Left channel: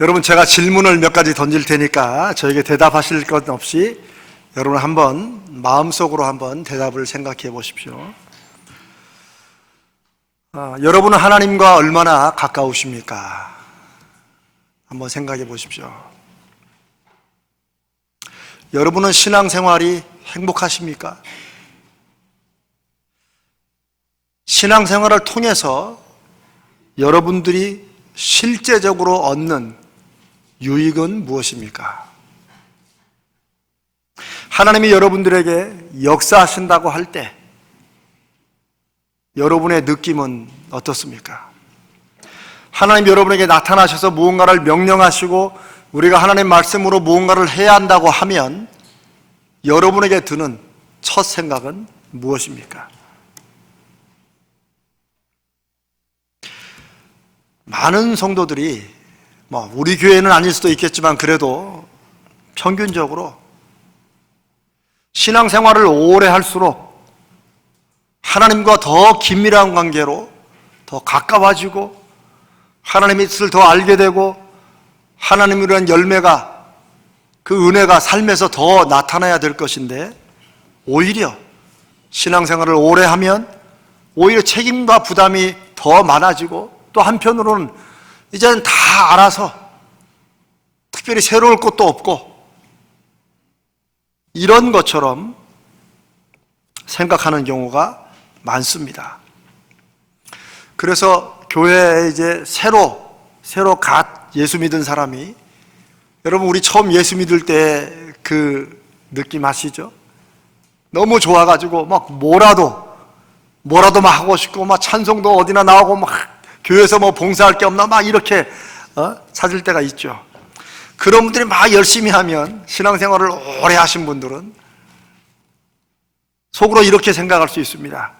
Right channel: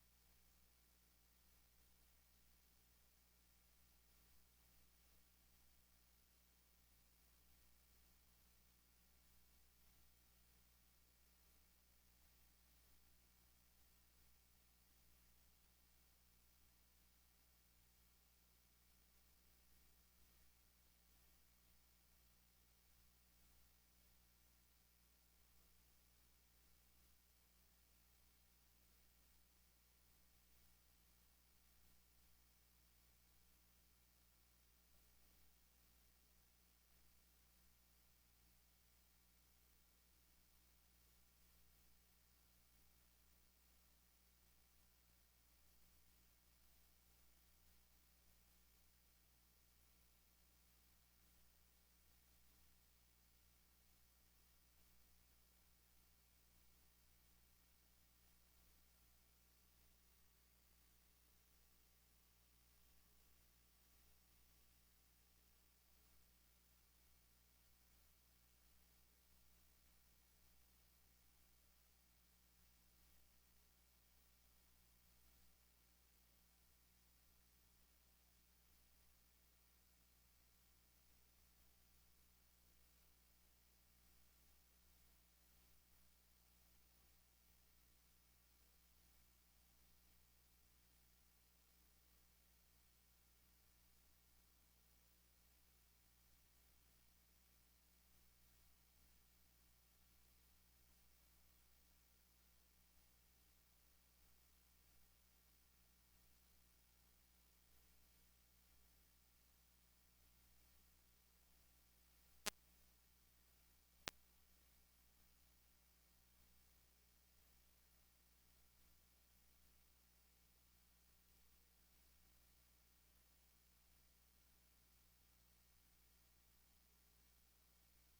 여러분, 제가 질문을 몇 가지 던질 테니까 저에게 대답하실 것 없이 여러분 한번 마음속으로 한번 대답을 생각해 보십시오. 여러분은 하나님과 얼마나 가까우십니까? 한번 생각해 보십시오. 여러분은 신앙생활이 행복하십니까? 신앙생활을 통해서 여러분들이 실제적으로 얻는 유익은 무엇입니까? 하나님이 여러분들에게 역사하신다고 할 때 여러분의 느낌은 어떻습니까? 하나님 여러분에게 나타나셔서 무언가를 명령하시고 우리가 하나님 말씀으로 무언가를 해야 한다고 하면 여러분에게 드는 첫 생각은 무엇입니까? 많은 성도들이 우리 교회는 아닐 수도 있겠지만 그래도 평균적으로 신앙생활을 오래 할수록 하나님과 더 긴밀한 관계로 더 가까워지고 하나님의 뜻을 더 알게 되고 하나님이라는 열매가, 그 은혜가 삶에서 더 나타나야 될 것인데 오히려 신앙생활을 오래 하면 오히려 책임과 부담이 더 많아지고 또 한편으로는 이제는 다 알아서 특별히 새로울 것도 없고 이런 것처럼 생각하는 경우가 많습니다. 그래서 교회에 이제 새로 갓 예수 믿은 사람이, 여러분 우리 처음 예수 믿을 때 그 느낌 아시죠? 너무 좋아가지고 막 뭐라도 막 하고 싶고 막 찬송도 어디나 나오고 막 교회에서 봉사할 게 없나 막 이렇게 찾을 때가 있죠. 그런 분들이 막 열심히 하면, 신앙생활을 오래 하신 분들은 속으로 이렇게 생각할 수 있습니다.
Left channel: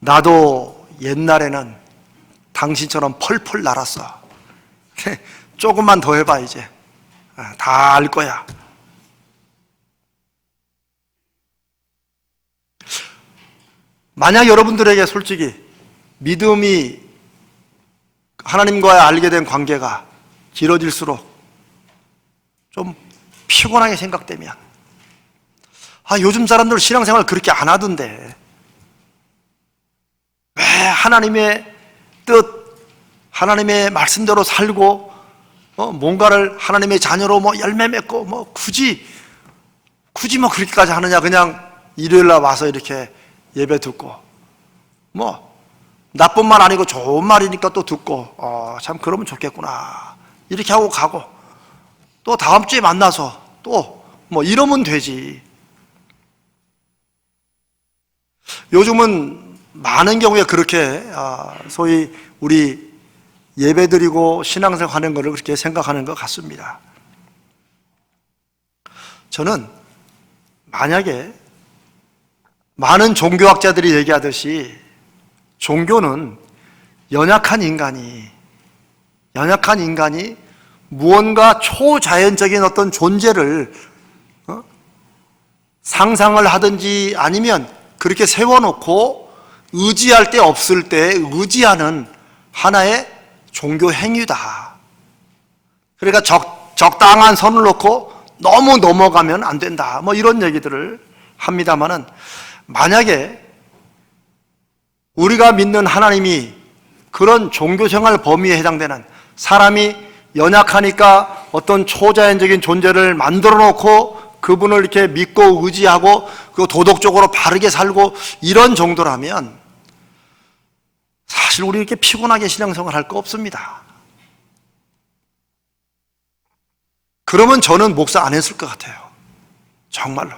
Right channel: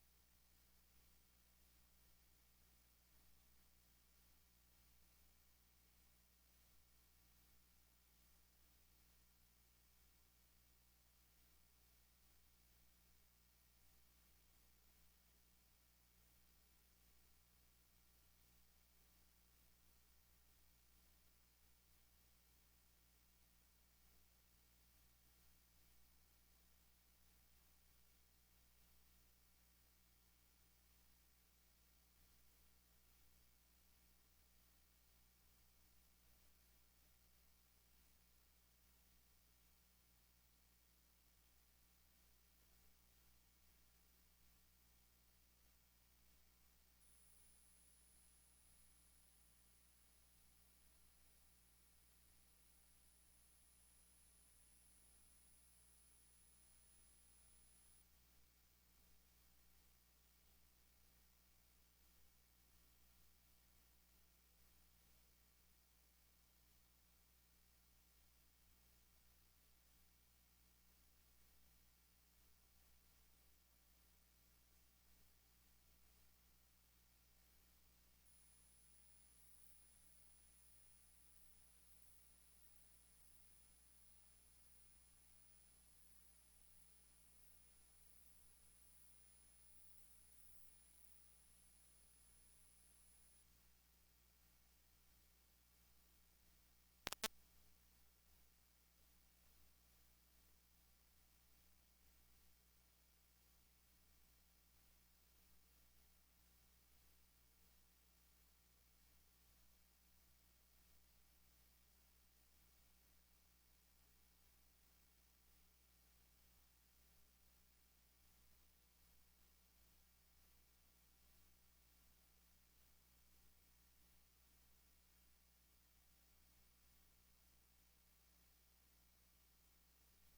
나도 옛날에는 당신처럼 펄펄 날았어. 조금만 더 해봐. 이제 다 알 거야. 만약 여러분들에게 솔직히 믿음이, 하나님과의 알게 된 관계가 길어질수록 좀 피곤하게 생각되면, 요즘 사람들 신앙생활 그렇게 안 하던데 왜 하나님의 뜻, 하나님의 말씀대로 살고 뭔가를 하나님의 자녀로 열매 맺고 굳이 그렇게까지 하느냐. 그냥 일요일날 와서 이렇게 예배 듣고 나쁜 말 아니고 좋은 말이니까 또 듣고 참 그러면 좋겠구나 이렇게 하고 가고 또 다음 주에 만나서 또 이러면 되지. 요즘은 많은 경우에 그렇게 소위 우리 예배드리고 신앙생활 하는 것을 그렇게 생각하는 것 같습니다. 저는 만약에 많은 종교학자들이 얘기하듯이 종교는 연약한 인간이 무언가 초자연적인 어떤 존재를 상상을 하든지 아니면 그렇게 세워놓고 의지할 때 없을 때 의지하는 하나의 종교 행위다. 그러니까 적당한 선을 놓고 너무 넘어가면 안 된다. 이런 얘기들을 합니다만은, 만약에 우리가 믿는 하나님이 그런 종교생활 범위에 해당되는, 사람이 연약하니까 어떤 초자연적인 존재를 만들어 놓고 그분을 이렇게 믿고 의지하고 그 도덕적으로 바르게 살고 이런 정도라면 사실 우리 이렇게 피곤하게 신앙생활 할 거 없습니다. 그러면 저는 목사 안 했을 것 같아요. 정말로.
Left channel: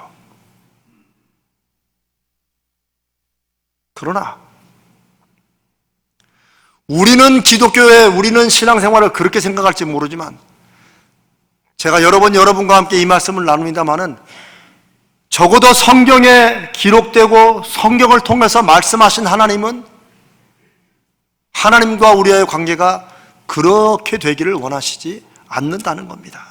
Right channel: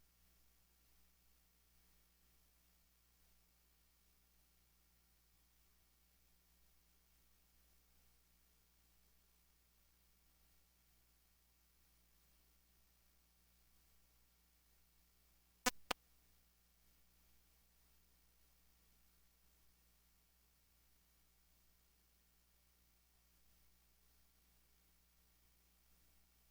그러나 우리는 기독교에, 우리는 신앙생활을 그렇게 생각할지 모르지만 제가 여러 번 여러분과 함께 이 말씀을 나눕니다마는 적어도 성경에 기록되고 성경을 통해서 말씀하신 하나님은 하나님과 우리의 관계가 그렇게 되기를 원하시지 않는다는 겁니다.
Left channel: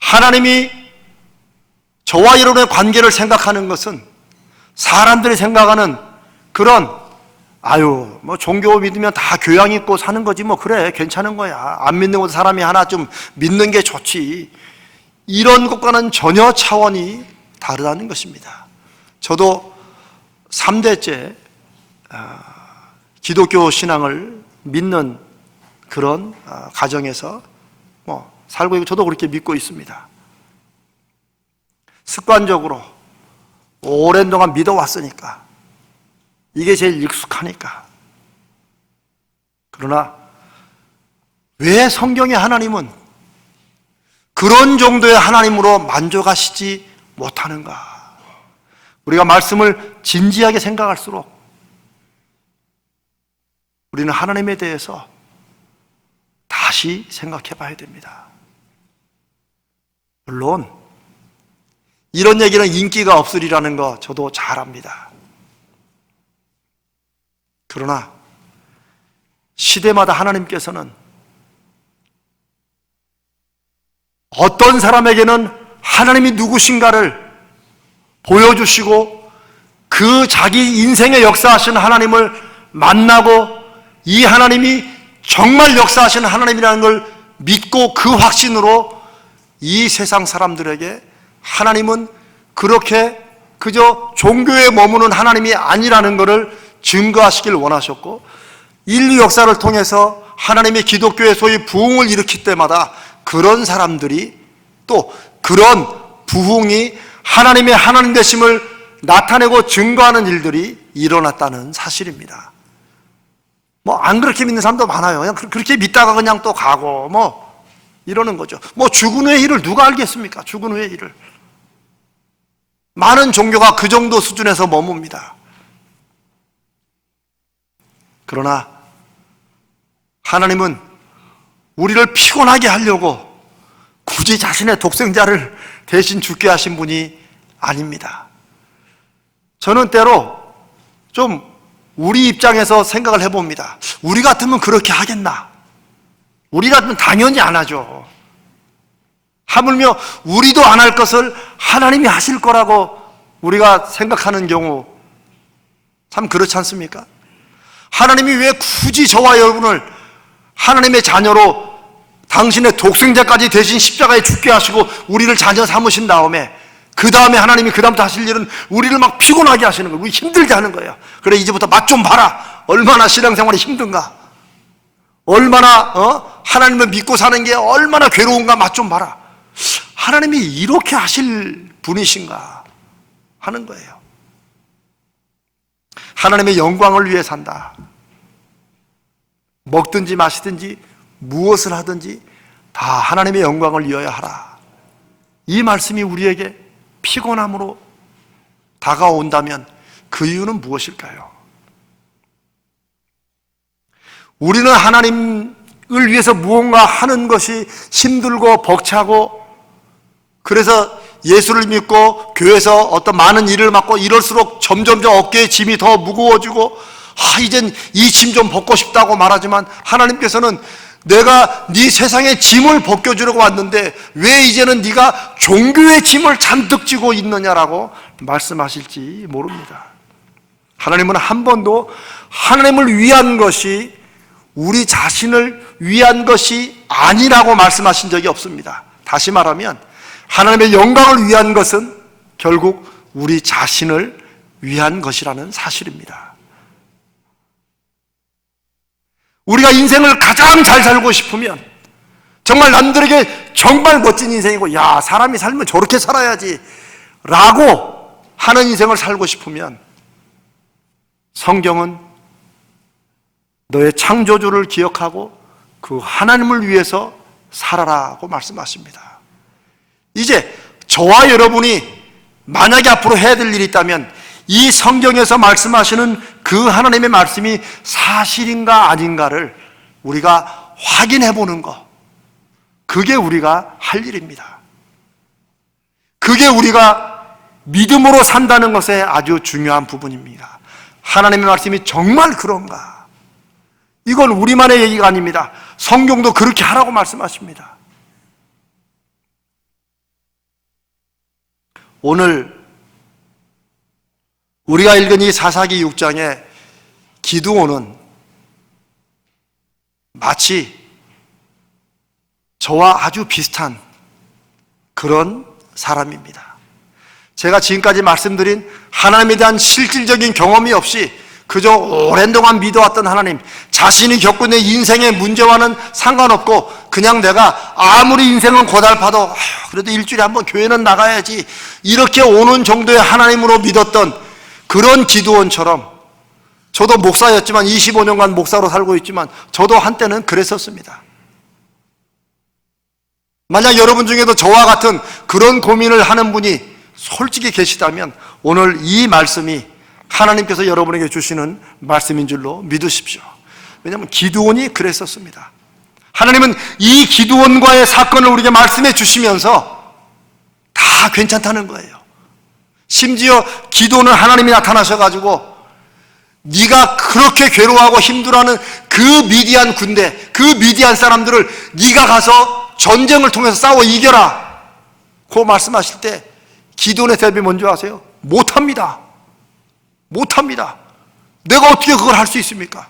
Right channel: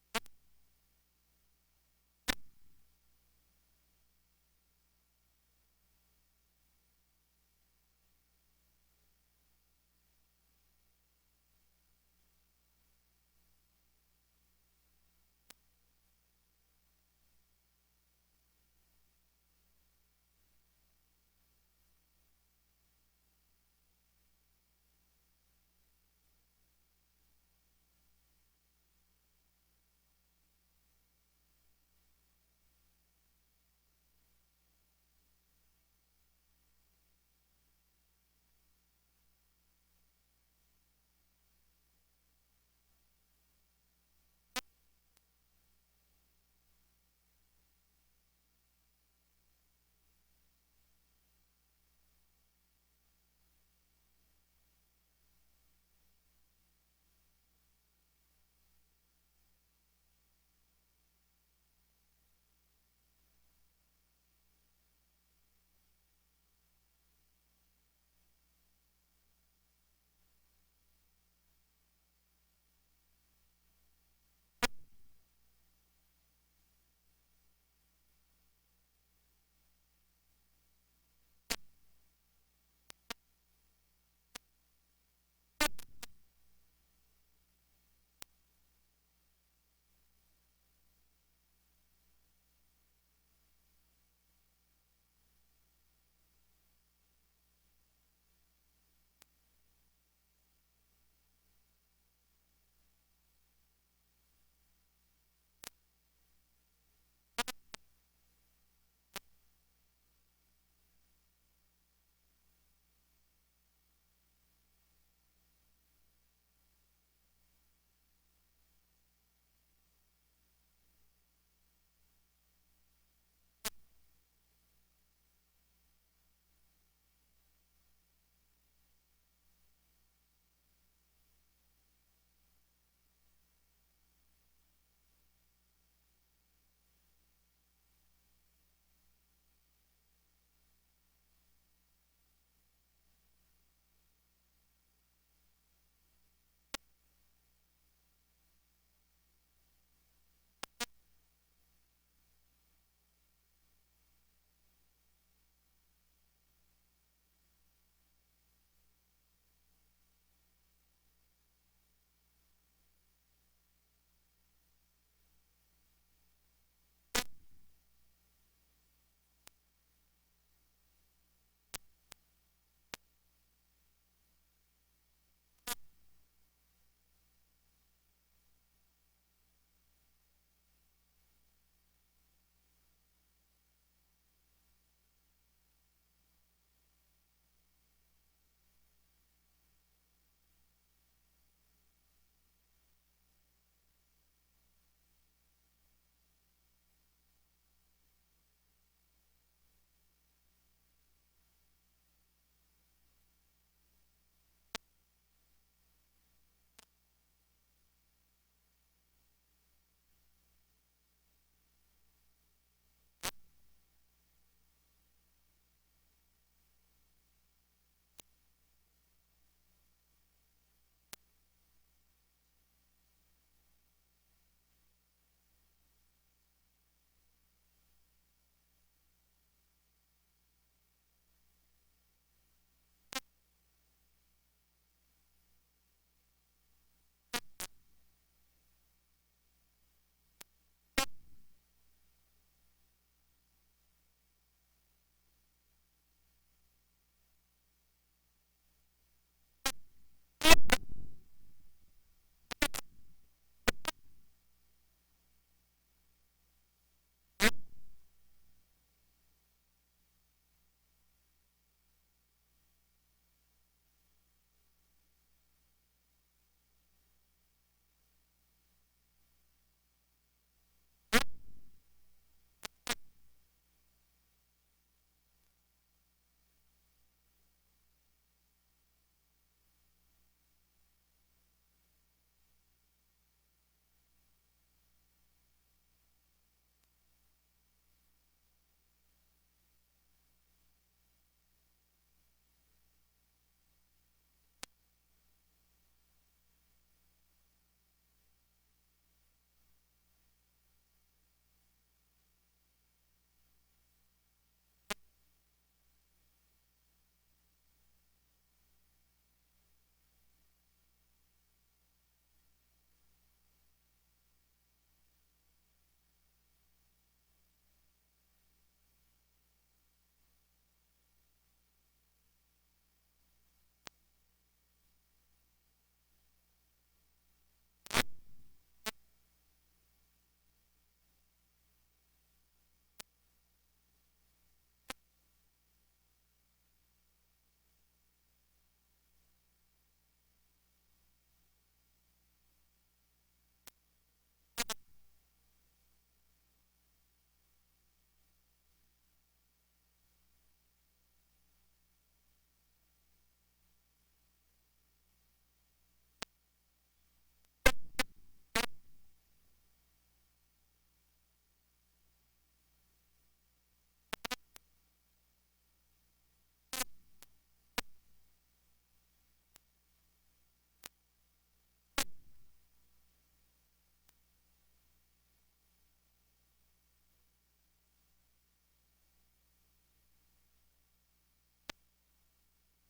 하나님이 저와 여러분의 관계를 생각하는 것은 사람들이 생각하는 그런 아유, 뭐 종교 믿으면 다 교양 있고 사는 거지, 뭐 그래, 괜찮은 거야. 안 믿는 것도 사람이 하나 좀 믿는 게 좋지. 이런 것과는 전혀 차원이 다르다는 것입니다. 저도 3대째 기독교 신앙을 믿는 그런 가정에서 살고 있고, 저도 그렇게 믿고 있습니다. 습관적으로 오랜 동안 믿어왔으니까, 이게 제일 익숙하니까. 그러나 왜 성경의 하나님은 그런 정도의 하나님으로 만족하시지 못하는가? 우리가 말씀을 진지하게 생각할수록 우리는 하나님에 대해서 다시 생각해 봐야 됩니다. 물론 이런 얘기는 인기가 없으리라는 거 저도 잘 압니다. 그러나 시대마다 하나님께서는 어떤 사람에게는 하나님이 누구신가를 보여주시고, 그 자기 인생의 역사하시는 하나님을 만나고, 이 하나님이 정말 역사하시는 하나님이라는 걸 믿고 그 확신으로 이 세상 사람들에게 하나님은 그렇게 그저 종교에 머무는 하나님이 아니라는 것을 증거하시길 원하셨고, 인류 역사를 통해서 하나님의 기독교의 소위 부흥을 일으킬 때마다 그런 사람들이, 또 그런 부흥이 하나님의 하나님 되심을 나타내고 증거하는 일들이 일어났다는 사실입니다. 안 그렇게 믿는 사람도 많아요. 그냥 그렇게 믿다가 그냥 또 가고 이러는 거죠. 죽은 후의 일을 누가 알겠습니까? 죽은 후의 일을. 많은 종교가 그 정도 수준에서 머뭅니다. 그러나 하나님은 우리를 피곤하게 하려고 굳이 자신의 독생자를 대신 죽게 하신 분이 아닙니다. 저는 때로 좀 우리 입장에서 생각을 해봅니다. 우리 같으면 그렇게 하겠나? 우리 같으면 당연히 안 하죠. 하물며 우리도 안 할 것을 하나님이 하실 거라고 우리가 생각하는 경우 참 그렇지 않습니까? 하나님이 왜 굳이 저와 여러분을 하나님의 자녀로 당신의 독생자까지 대신 십자가에 죽게 하시고 우리를 자녀 삼으신 다음에, 그 다음에 하나님이 그 다음부터 하실 일은 우리를 막 피곤하게 하시는 거예요. 우리 힘들게 하는 거예요. 그래, 이제부터 맛 좀 봐라. 얼마나 신앙생활이 힘든가, 얼마나 하나님을 믿고 사는 게 얼마나 괴로운가 맛 좀 봐라. 하나님이 이렇게 하실 분이신가 하는 거예요. 하나님의 영광을 위해 산다. 먹든지 마시든지 무엇을 하든지 다 하나님의 영광을 위하여 하라. 이 말씀이 우리에게 피곤함으로 다가온다면 그 이유는 무엇일까요? 우리는 하나님을 위해서 무언가 하는 것이 힘들고 벅차고, 그래서 예수를 믿고 교회에서 어떤 많은 일을 맡고 이럴수록 점점점 어깨의 짐이 더 무거워지고, 이젠 이 짐 좀 벗고 싶다고 말하지만, 하나님께서는 내가 네 세상의 짐을 벗겨주려고 왔는데 왜 이제는 네가 종교의 짐을 잔뜩 지고 있느냐라고 말씀하실지 모릅니다. 하나님은 한 번도 하나님을 위한 것이 우리 자신을 위한 것이 아니라고 말씀하신 적이 없습니다. 다시 말하면 하나님의 영광을 위한 것은 결국 우리 자신을 위한 것이라는 사실입니다. 우리가 인생을 가장 잘 살고 싶으면, 정말 남들에게 정말 멋진 인생이고, 야, 사람이 살면 저렇게 살아야지 라고 하는 인생을 살고 싶으면, 성경은 너의 창조주를 기억하고 그 하나님을 위해서 살아라고 말씀하십니다. 이제 저와 여러분이 만약에 앞으로 해야 될 일이 있다면, 이 성경에서 말씀하시는 그 하나님의 말씀이 사실인가 아닌가를 우리가 확인해 보는 것, 그게 우리가 할 일입니다. 그게 우리가 믿음으로 산다는 것의 아주 중요한 부분입니다. 하나님의 말씀이 정말 그런가? 이건 우리만의 얘기가 아닙니다. 성경도 그렇게 하라고 말씀하십니다. 오늘 우리가 읽은 이 사사기 6장에 기드온은 마치 저와 아주 비슷한 그런 사람입니다. 제가 지금까지 말씀드린 하나님에 대한 실질적인 경험이 없이 그저 오랜 동안 믿어왔던 하나님, 자신이 겪고 있는 인생의 문제와는 상관없고 그냥 내가 아무리 인생은 고달파도 그래도 일주일에 한번 교회는 나가야지 이렇게 오는 정도의 하나님으로 믿었던 그런 기드온처럼, 저도 목사였지만 25년간 목사로 살고 있지만 저도 한때는 그랬었습니다. 만약 여러분 중에도 저와 같은 그런 고민을 하는 분이 솔직히 계시다면 오늘 이 말씀이 하나님께서 여러분에게 주시는 말씀인 줄로 믿으십시오. 왜냐하면 기드온이 그랬었습니다. 하나님은 이 기드온과의 사건을 우리에게 말씀해 주시면서 다 괜찮다는 거예요. 심지어 기드온은 하나님이 나타나셔가지고 네가 그렇게 괴로워하고 힘들어하는 그 미디안 군대, 그 미디안 사람들을 네가 가서 전쟁을 통해서 싸워 이겨라, 그 말씀하실 때 기드온의 대답이 뭔지 아세요? 못합니다. 못합니다. 내가 어떻게 그걸 할 수 있습니까?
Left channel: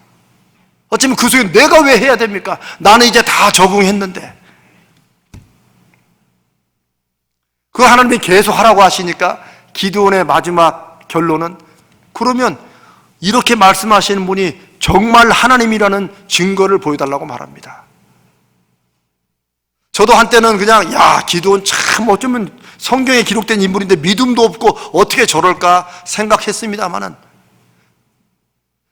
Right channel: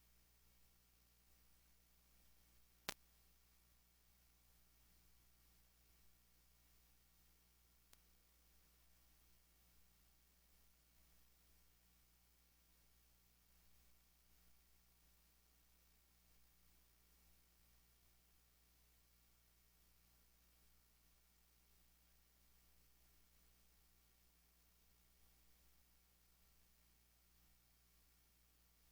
어쩌면 그 속에 내가 왜 해야 됩니까? 나는 이제 다 적응했는데. 그 하나님이 계속 하라고 하시니까 기드온의 마지막 결론은, 그러면 이렇게 말씀하시는 분이 정말 하나님이라는 증거를 보여달라고 말합니다. 저도 한때는 그냥 기드온 참 어쩌면 성경에 기록된 인물인데 믿음도 없고 어떻게 저럴까 생각했습니다마는,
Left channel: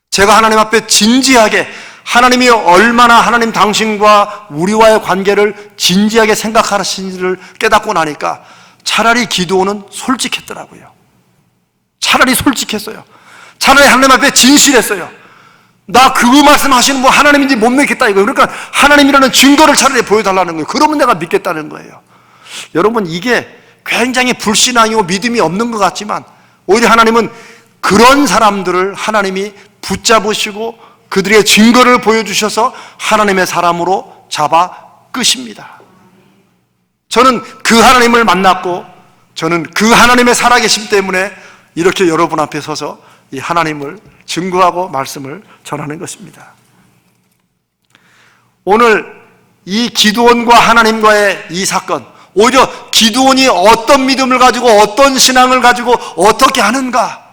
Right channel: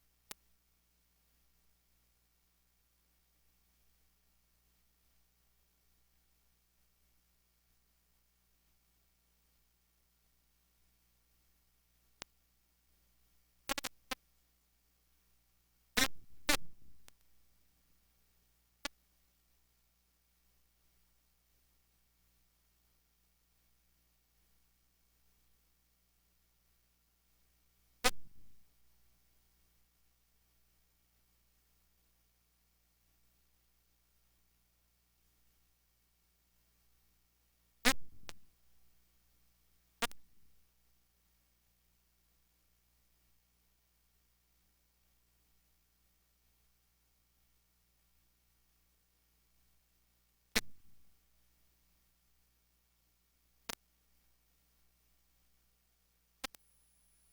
제가 하나님 앞에 진지하게 하나님이 얼마나 하나님 당신과 우리와의 관계를 진지하게 생각하시는지를 깨닫고 나니까 차라리 기드온은 솔직했더라고요. 차라리 솔직했어요. 차라리 하나님 앞에 진실했어요. 나 그거 말씀하시는 분 하나님인지 못 믿겠다 이거예요. 그러니까 하나님이라는 증거를 차라리 보여달라는 거예요. 그러면 내가 믿겠다는 거예요. 여러분, 이게 굉장히 불신앙이고 믿음이 없는 것 같지만 오히려 하나님은 그런 사람들을 하나님이 붙잡으시고 그들의 증거를 보여주셔서 하나님의 사람으로 잡아 끄십니다. 저는 그 하나님을 만났고 저는 그 하나님의 살아계심 때문에 이렇게 여러분 앞에 서서 이 하나님을 증거하고 말씀을 전하는 것입니다. 오늘 이 기드온과 하나님과의 이 사건, 오히려 기드온이 어떤 믿음을 가지고 어떤 신앙을 가지고 어떻게 하는가,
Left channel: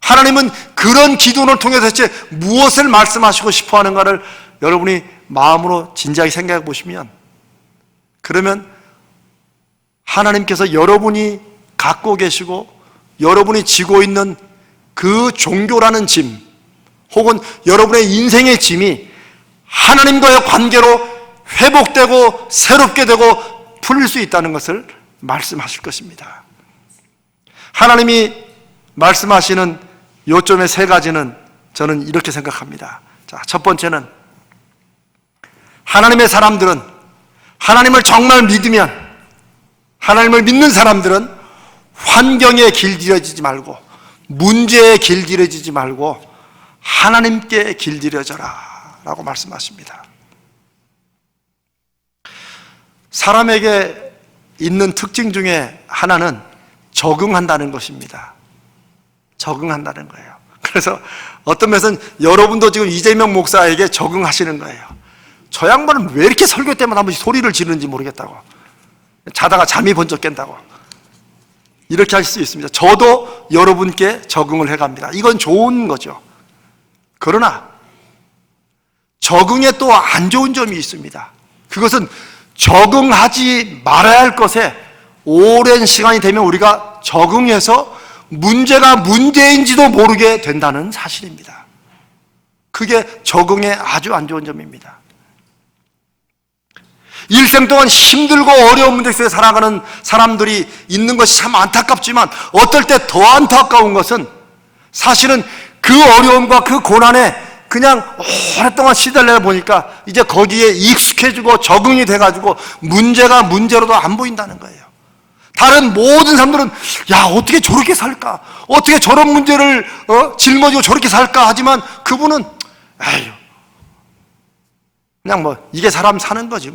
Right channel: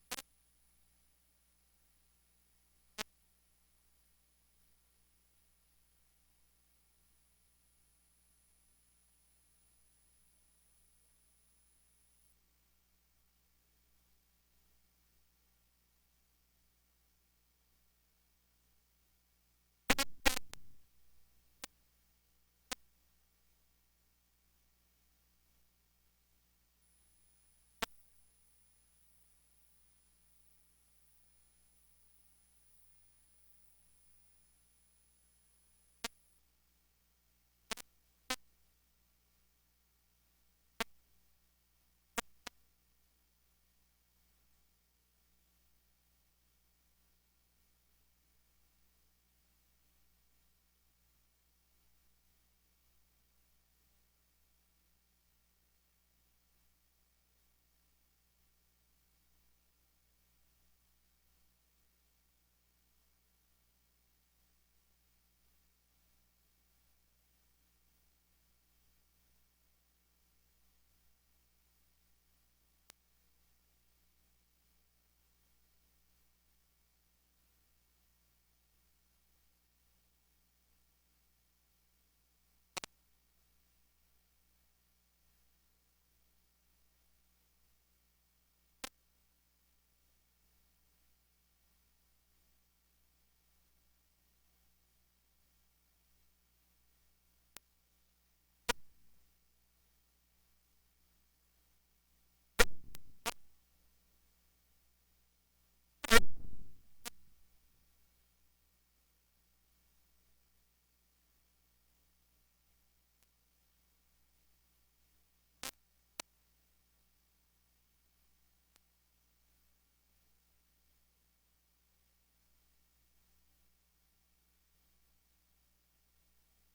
하나님은 그런 기드온을 통해서 대체 무엇을 말씀하시고 싶어 하는가를 여러분이 마음으로 진지하게 생각해 보시면, 그러면 하나님께서 여러분이 갖고 계시고 여러분이 지고 있는 그 종교라는 짐, 혹은 여러분의 인생의 짐이 하나님과의 관계로 회복되고 새롭게 되고 풀릴 수 있다는 것을 말씀하실 것입니다. 하나님이 말씀하시는 요점의 세 가지는 저는 이렇게 생각합니다. 자, 첫 번째는 하나님의 사람들은, 하나님을 정말 믿으면, 하나님을 믿는 사람들은 환경에 길들여지지 말고, 문제에 길들여지지 말고 하나님께 길들여져라 라고 말씀하십니다. 사람에게 있는 특징 중에 하나는 적응한다는 것입니다. 적응한다는 거예요. 그래서 어떤 면에서는 여러분도 지금 이재명 목사에게 적응하시는 거예요. 저 양반은 왜 이렇게 설교 때마다 한 번씩 소리를 지르는지 모르겠다고, 자다가 잠이 번쩍 깬다고 이렇게 하실 수 있습니다. 저도 여러분께 적응을 해갑니다. 이건 좋은 거죠. 그러나 적응에 또 안 좋은 점이 있습니다. 그것은 적응하지 말아야 할 것에 오랜 시간이 되면 우리가 적응해서 문제가 문제인지도 모르게 된다는 사실입니다. 그게 적응에 아주 안 좋은 점입니다. 일생 동안 힘들고 어려운 문제 속에 살아가는 사람들이 있는 것이 참 안타깝지만, 어떨 때 더 안타까운 것은 사실은 그 어려움과 그 고난에 그냥 오랫동안 시달려 보니까 이제 거기에 익숙해지고 적응이 돼가지고 문제가 문제로도 안 보인다는 거예요. 다른 모든 사람들은 어떻게 저렇게 살까, 어떻게 저런 문제를 짊어지고 저렇게 살까 하지만 그분은 그냥 이게 사람 사는 거지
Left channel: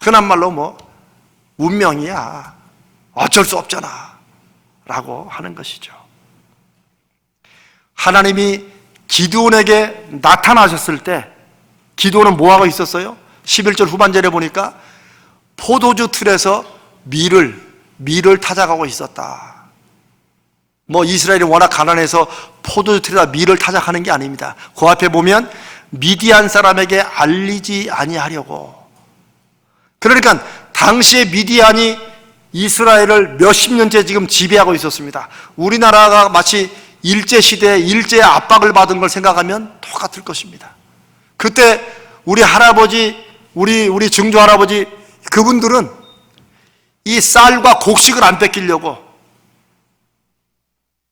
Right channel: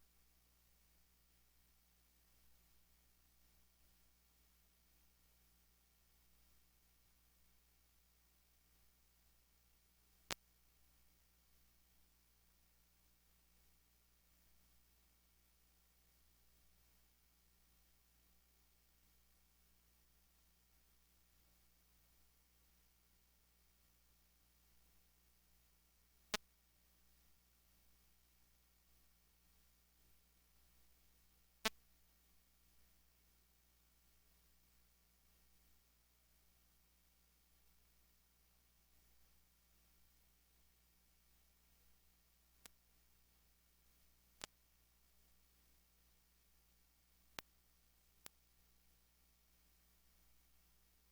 흔한 말로 운명이야, 어쩔 수 없잖아 라고 하는 것이죠. 하나님이 기드온에게 나타나셨을 때 기드온은 뭐하고 있었어요? 11절 후반절에 보니까 포도주 틀에서 밀을 타작하고 있었다. 뭐 이스라엘이 워낙 가난해서 포도주 틀에다 밀을 타작하는 게 아닙니다. 그 앞에 보면 미디안 사람에게 알리지 아니하려고. 그러니까 당시에 미디안이 이스라엘을 몇십 년째 지금 지배하고 있었습니다. 우리나라가 마치 일제시대에 일제의 압박을 받은 걸 생각하면 똑같을 것입니다. 그때 우리 할아버지, 우리 증조 할아버지, 그분들은 이 쌀과 곡식을 안 뺏기려고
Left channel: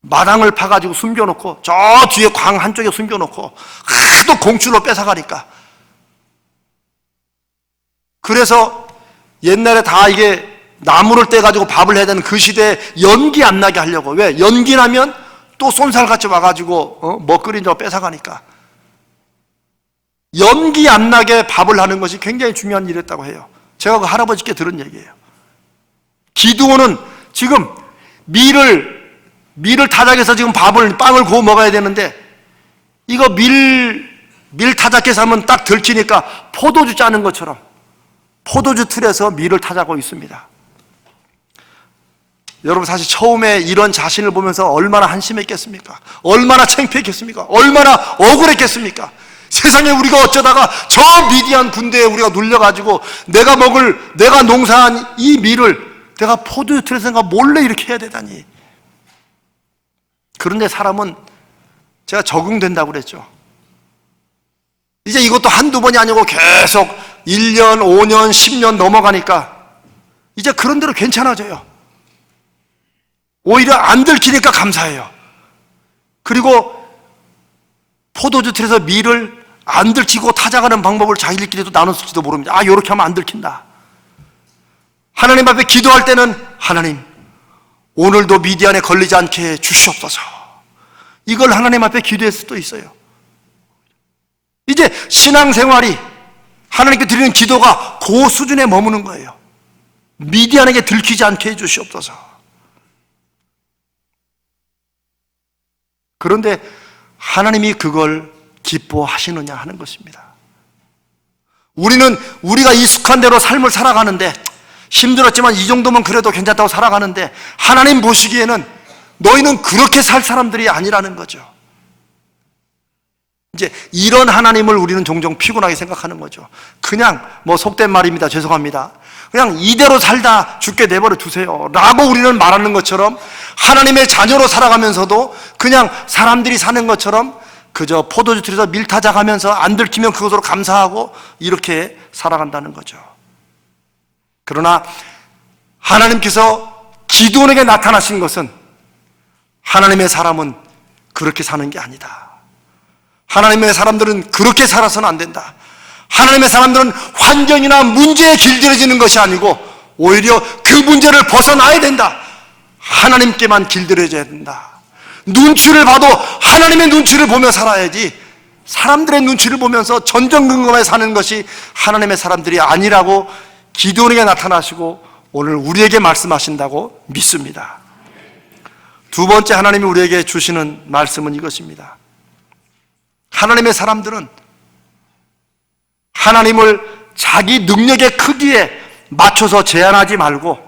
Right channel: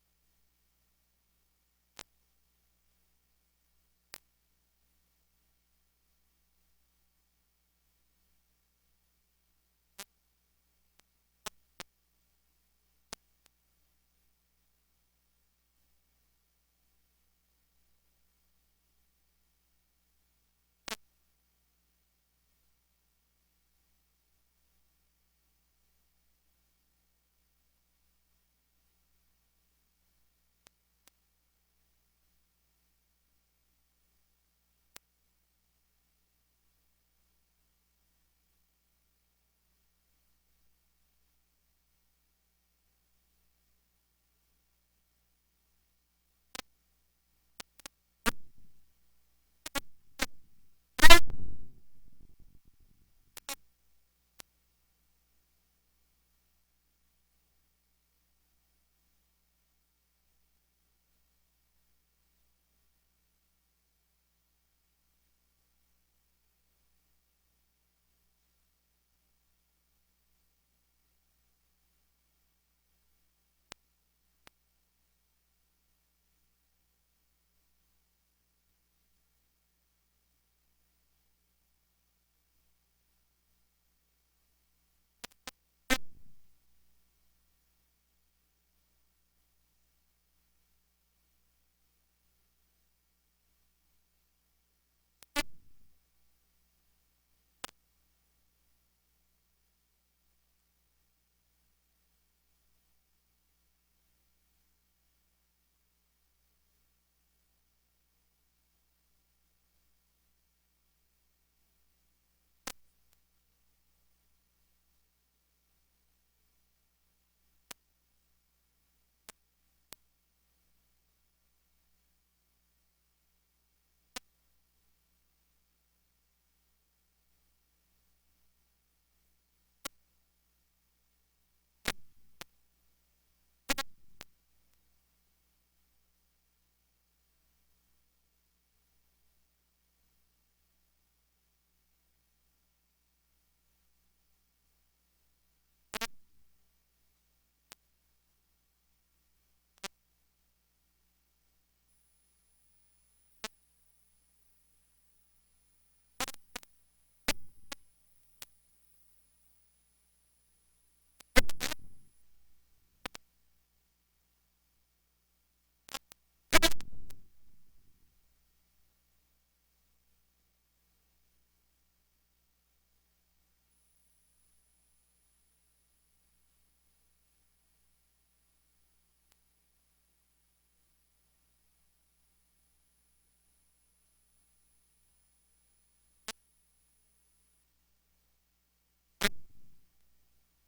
마당을 파가지고 숨겨놓고 저 뒤에 광 한쪽에 숨겨놓고 하도 공출로 뺏어가니까, 그래서 옛날에 다 이게 나무를 떼가지고 밥을 해야 되는 그 시대에 연기 안 나게 하려고. 왜? 연기 나면 또 쏜살같이 와가지고 먹거리 좀 뺏어가니까 연기 안 나게 밥을 하는 것이 굉장히 중요한 일이었다고 해요. 제가 그 할아버지께 들은 얘기예요. 기드온은 지금 밀을 타작해서 지금 빵을 구워 먹어야 되는데, 이거 밀 타작해서 하면 딱 들키니까 포도주 짜는 것처럼 포도주 틀에서 밀을 타자고 있습니다. 여러분, 사실 처음에 이런 자신을 보면서 얼마나 한심했겠습니까? 얼마나 창피했겠습니까? 얼마나 억울했겠습니까? 세상에 우리가 어쩌다가 저 미디안 군대에 우리가 눌려가지고 내가 농사한 이 밀을 내가 포도주 틀에서 몰래 이렇게 해야 되다니. 그런데 사람은 제가 적응된다고 그랬죠. 이제 이것도 한두 번이 아니고 계속 1년, 5년, 10년 넘어가니까 이제 그런 대로 괜찮아져요. 오히려 안 들키니까 감사해요. 그리고 포도주 틀에서 밀을 안 들키고 타작하는 방법을 자기들끼리도 나눴을지도 모릅니다. 이렇게 하면 안 들킨다. 하나님 앞에 기도할 때는 하나님, 오늘도 미디안에 걸리지 않게 주시옵소서. 이걸 하나님 앞에 기도할 수도 있어요. 이제 신앙생활이 하나님께 드리는 기도가 그 수준에 머무는 거예요. 미디안에게 들키지 않게 해주시옵소서. 그런데 하나님이 그걸 기뻐하시느냐 하는 것입니다. 우리는 우리가 익숙한 대로 삶을 살아가는데, 힘들었지만 이 정도면 그래도 괜찮다고 살아가는데, 하나님 보시기에는 너희는 그렇게 살 사람들이 아니라는 거죠. 이제 이런 하나님을 우리는 종종 피곤하게 생각하는 거죠. 그냥 속된 말입니다. 죄송합니다. 그냥 이대로 살다 죽게 내버려 두세요 라고 우리는 말하는 것처럼, 하나님의 자녀로 살아가면서도 그냥 사람들이 사는 것처럼 그저 포도주 틀에서 밀 타작하면서 안 들키면 그것으로 감사하고 이렇게 살아간다는 거죠. 그러나 하나님께서 기드온에게 나타나신 것은 하나님의 사람은 그렇게 사는 게 아니다. 하나님의 사람들은 그렇게 살아서는 안 된다. 하나님의 사람들은 환경이나 문제에 길들여지는 것이 아니고 오히려 그 문제를 벗어나야 된다. 하나님께만 길들여져야 된다. 눈치를 봐도 하나님의 눈치를 보며 살아야지, 사람들의 눈치를 보면서 전전긍긍하게 사는 것이 하나님의 사람들이 아니라고 기드온에게 나타나시고 오늘 우리에게 말씀하신다고 믿습니다. 두 번째 하나님이 우리에게 주시는 말씀은 이것입니다. 하나님의 사람들은 하나님을 자기 능력의 크기에 맞춰서 제한하지 말고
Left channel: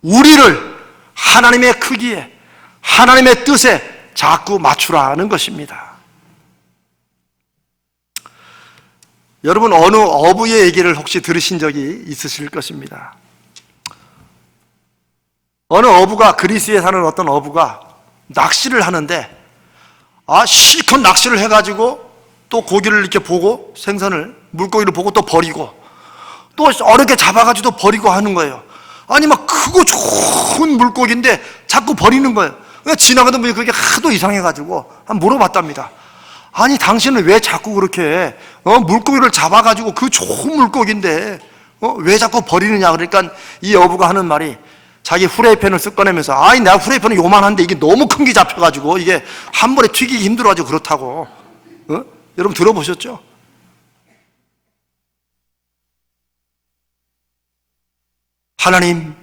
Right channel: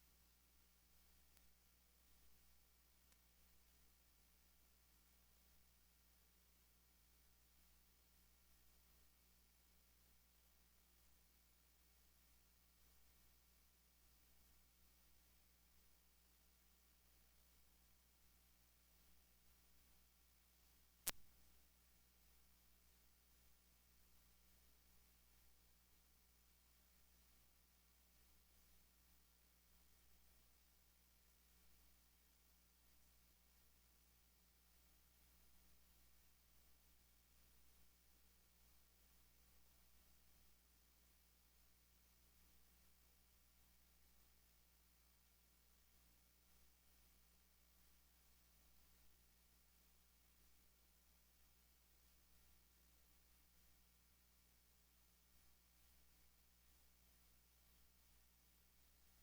우리를 하나님의 크기에, 하나님의 뜻에 자꾸 맞추라는 것입니다. 여러분, 어느 어부의 얘기를 혹시 들으신 적이 있으실 것입니다. 어느 어부가, 그리스에 사는 어떤 어부가 낚시를 하는데, 실컷 낚시를 해가지고 또 고기를 이렇게 보고, 생선을, 물고기를 보고 또 버리고, 또 어렵게 잡아가지고 또 버리고 하는 거예요. 아니 막 크고 좋은 물고기인데 자꾸 버리는 거예요. 그러니까 지나가던 분이 그게 하도 이상해가지고 한번 물어봤답니다. 아니 당신은 왜 자꾸 그렇게 물고기를 잡아가지고 그 좋은 물고기인데 왜 자꾸 버리느냐. 그러니까 이 어부가 하는 말이, 자기 후라이팬을 쓱 꺼내면서, 아니 내가 후라이팬은 요만한데 이게 너무 큰 게 잡혀가지고 이게 한 번에 튀기기 힘들어가지고 그렇다고. 여러분 들어보셨죠? 하나님,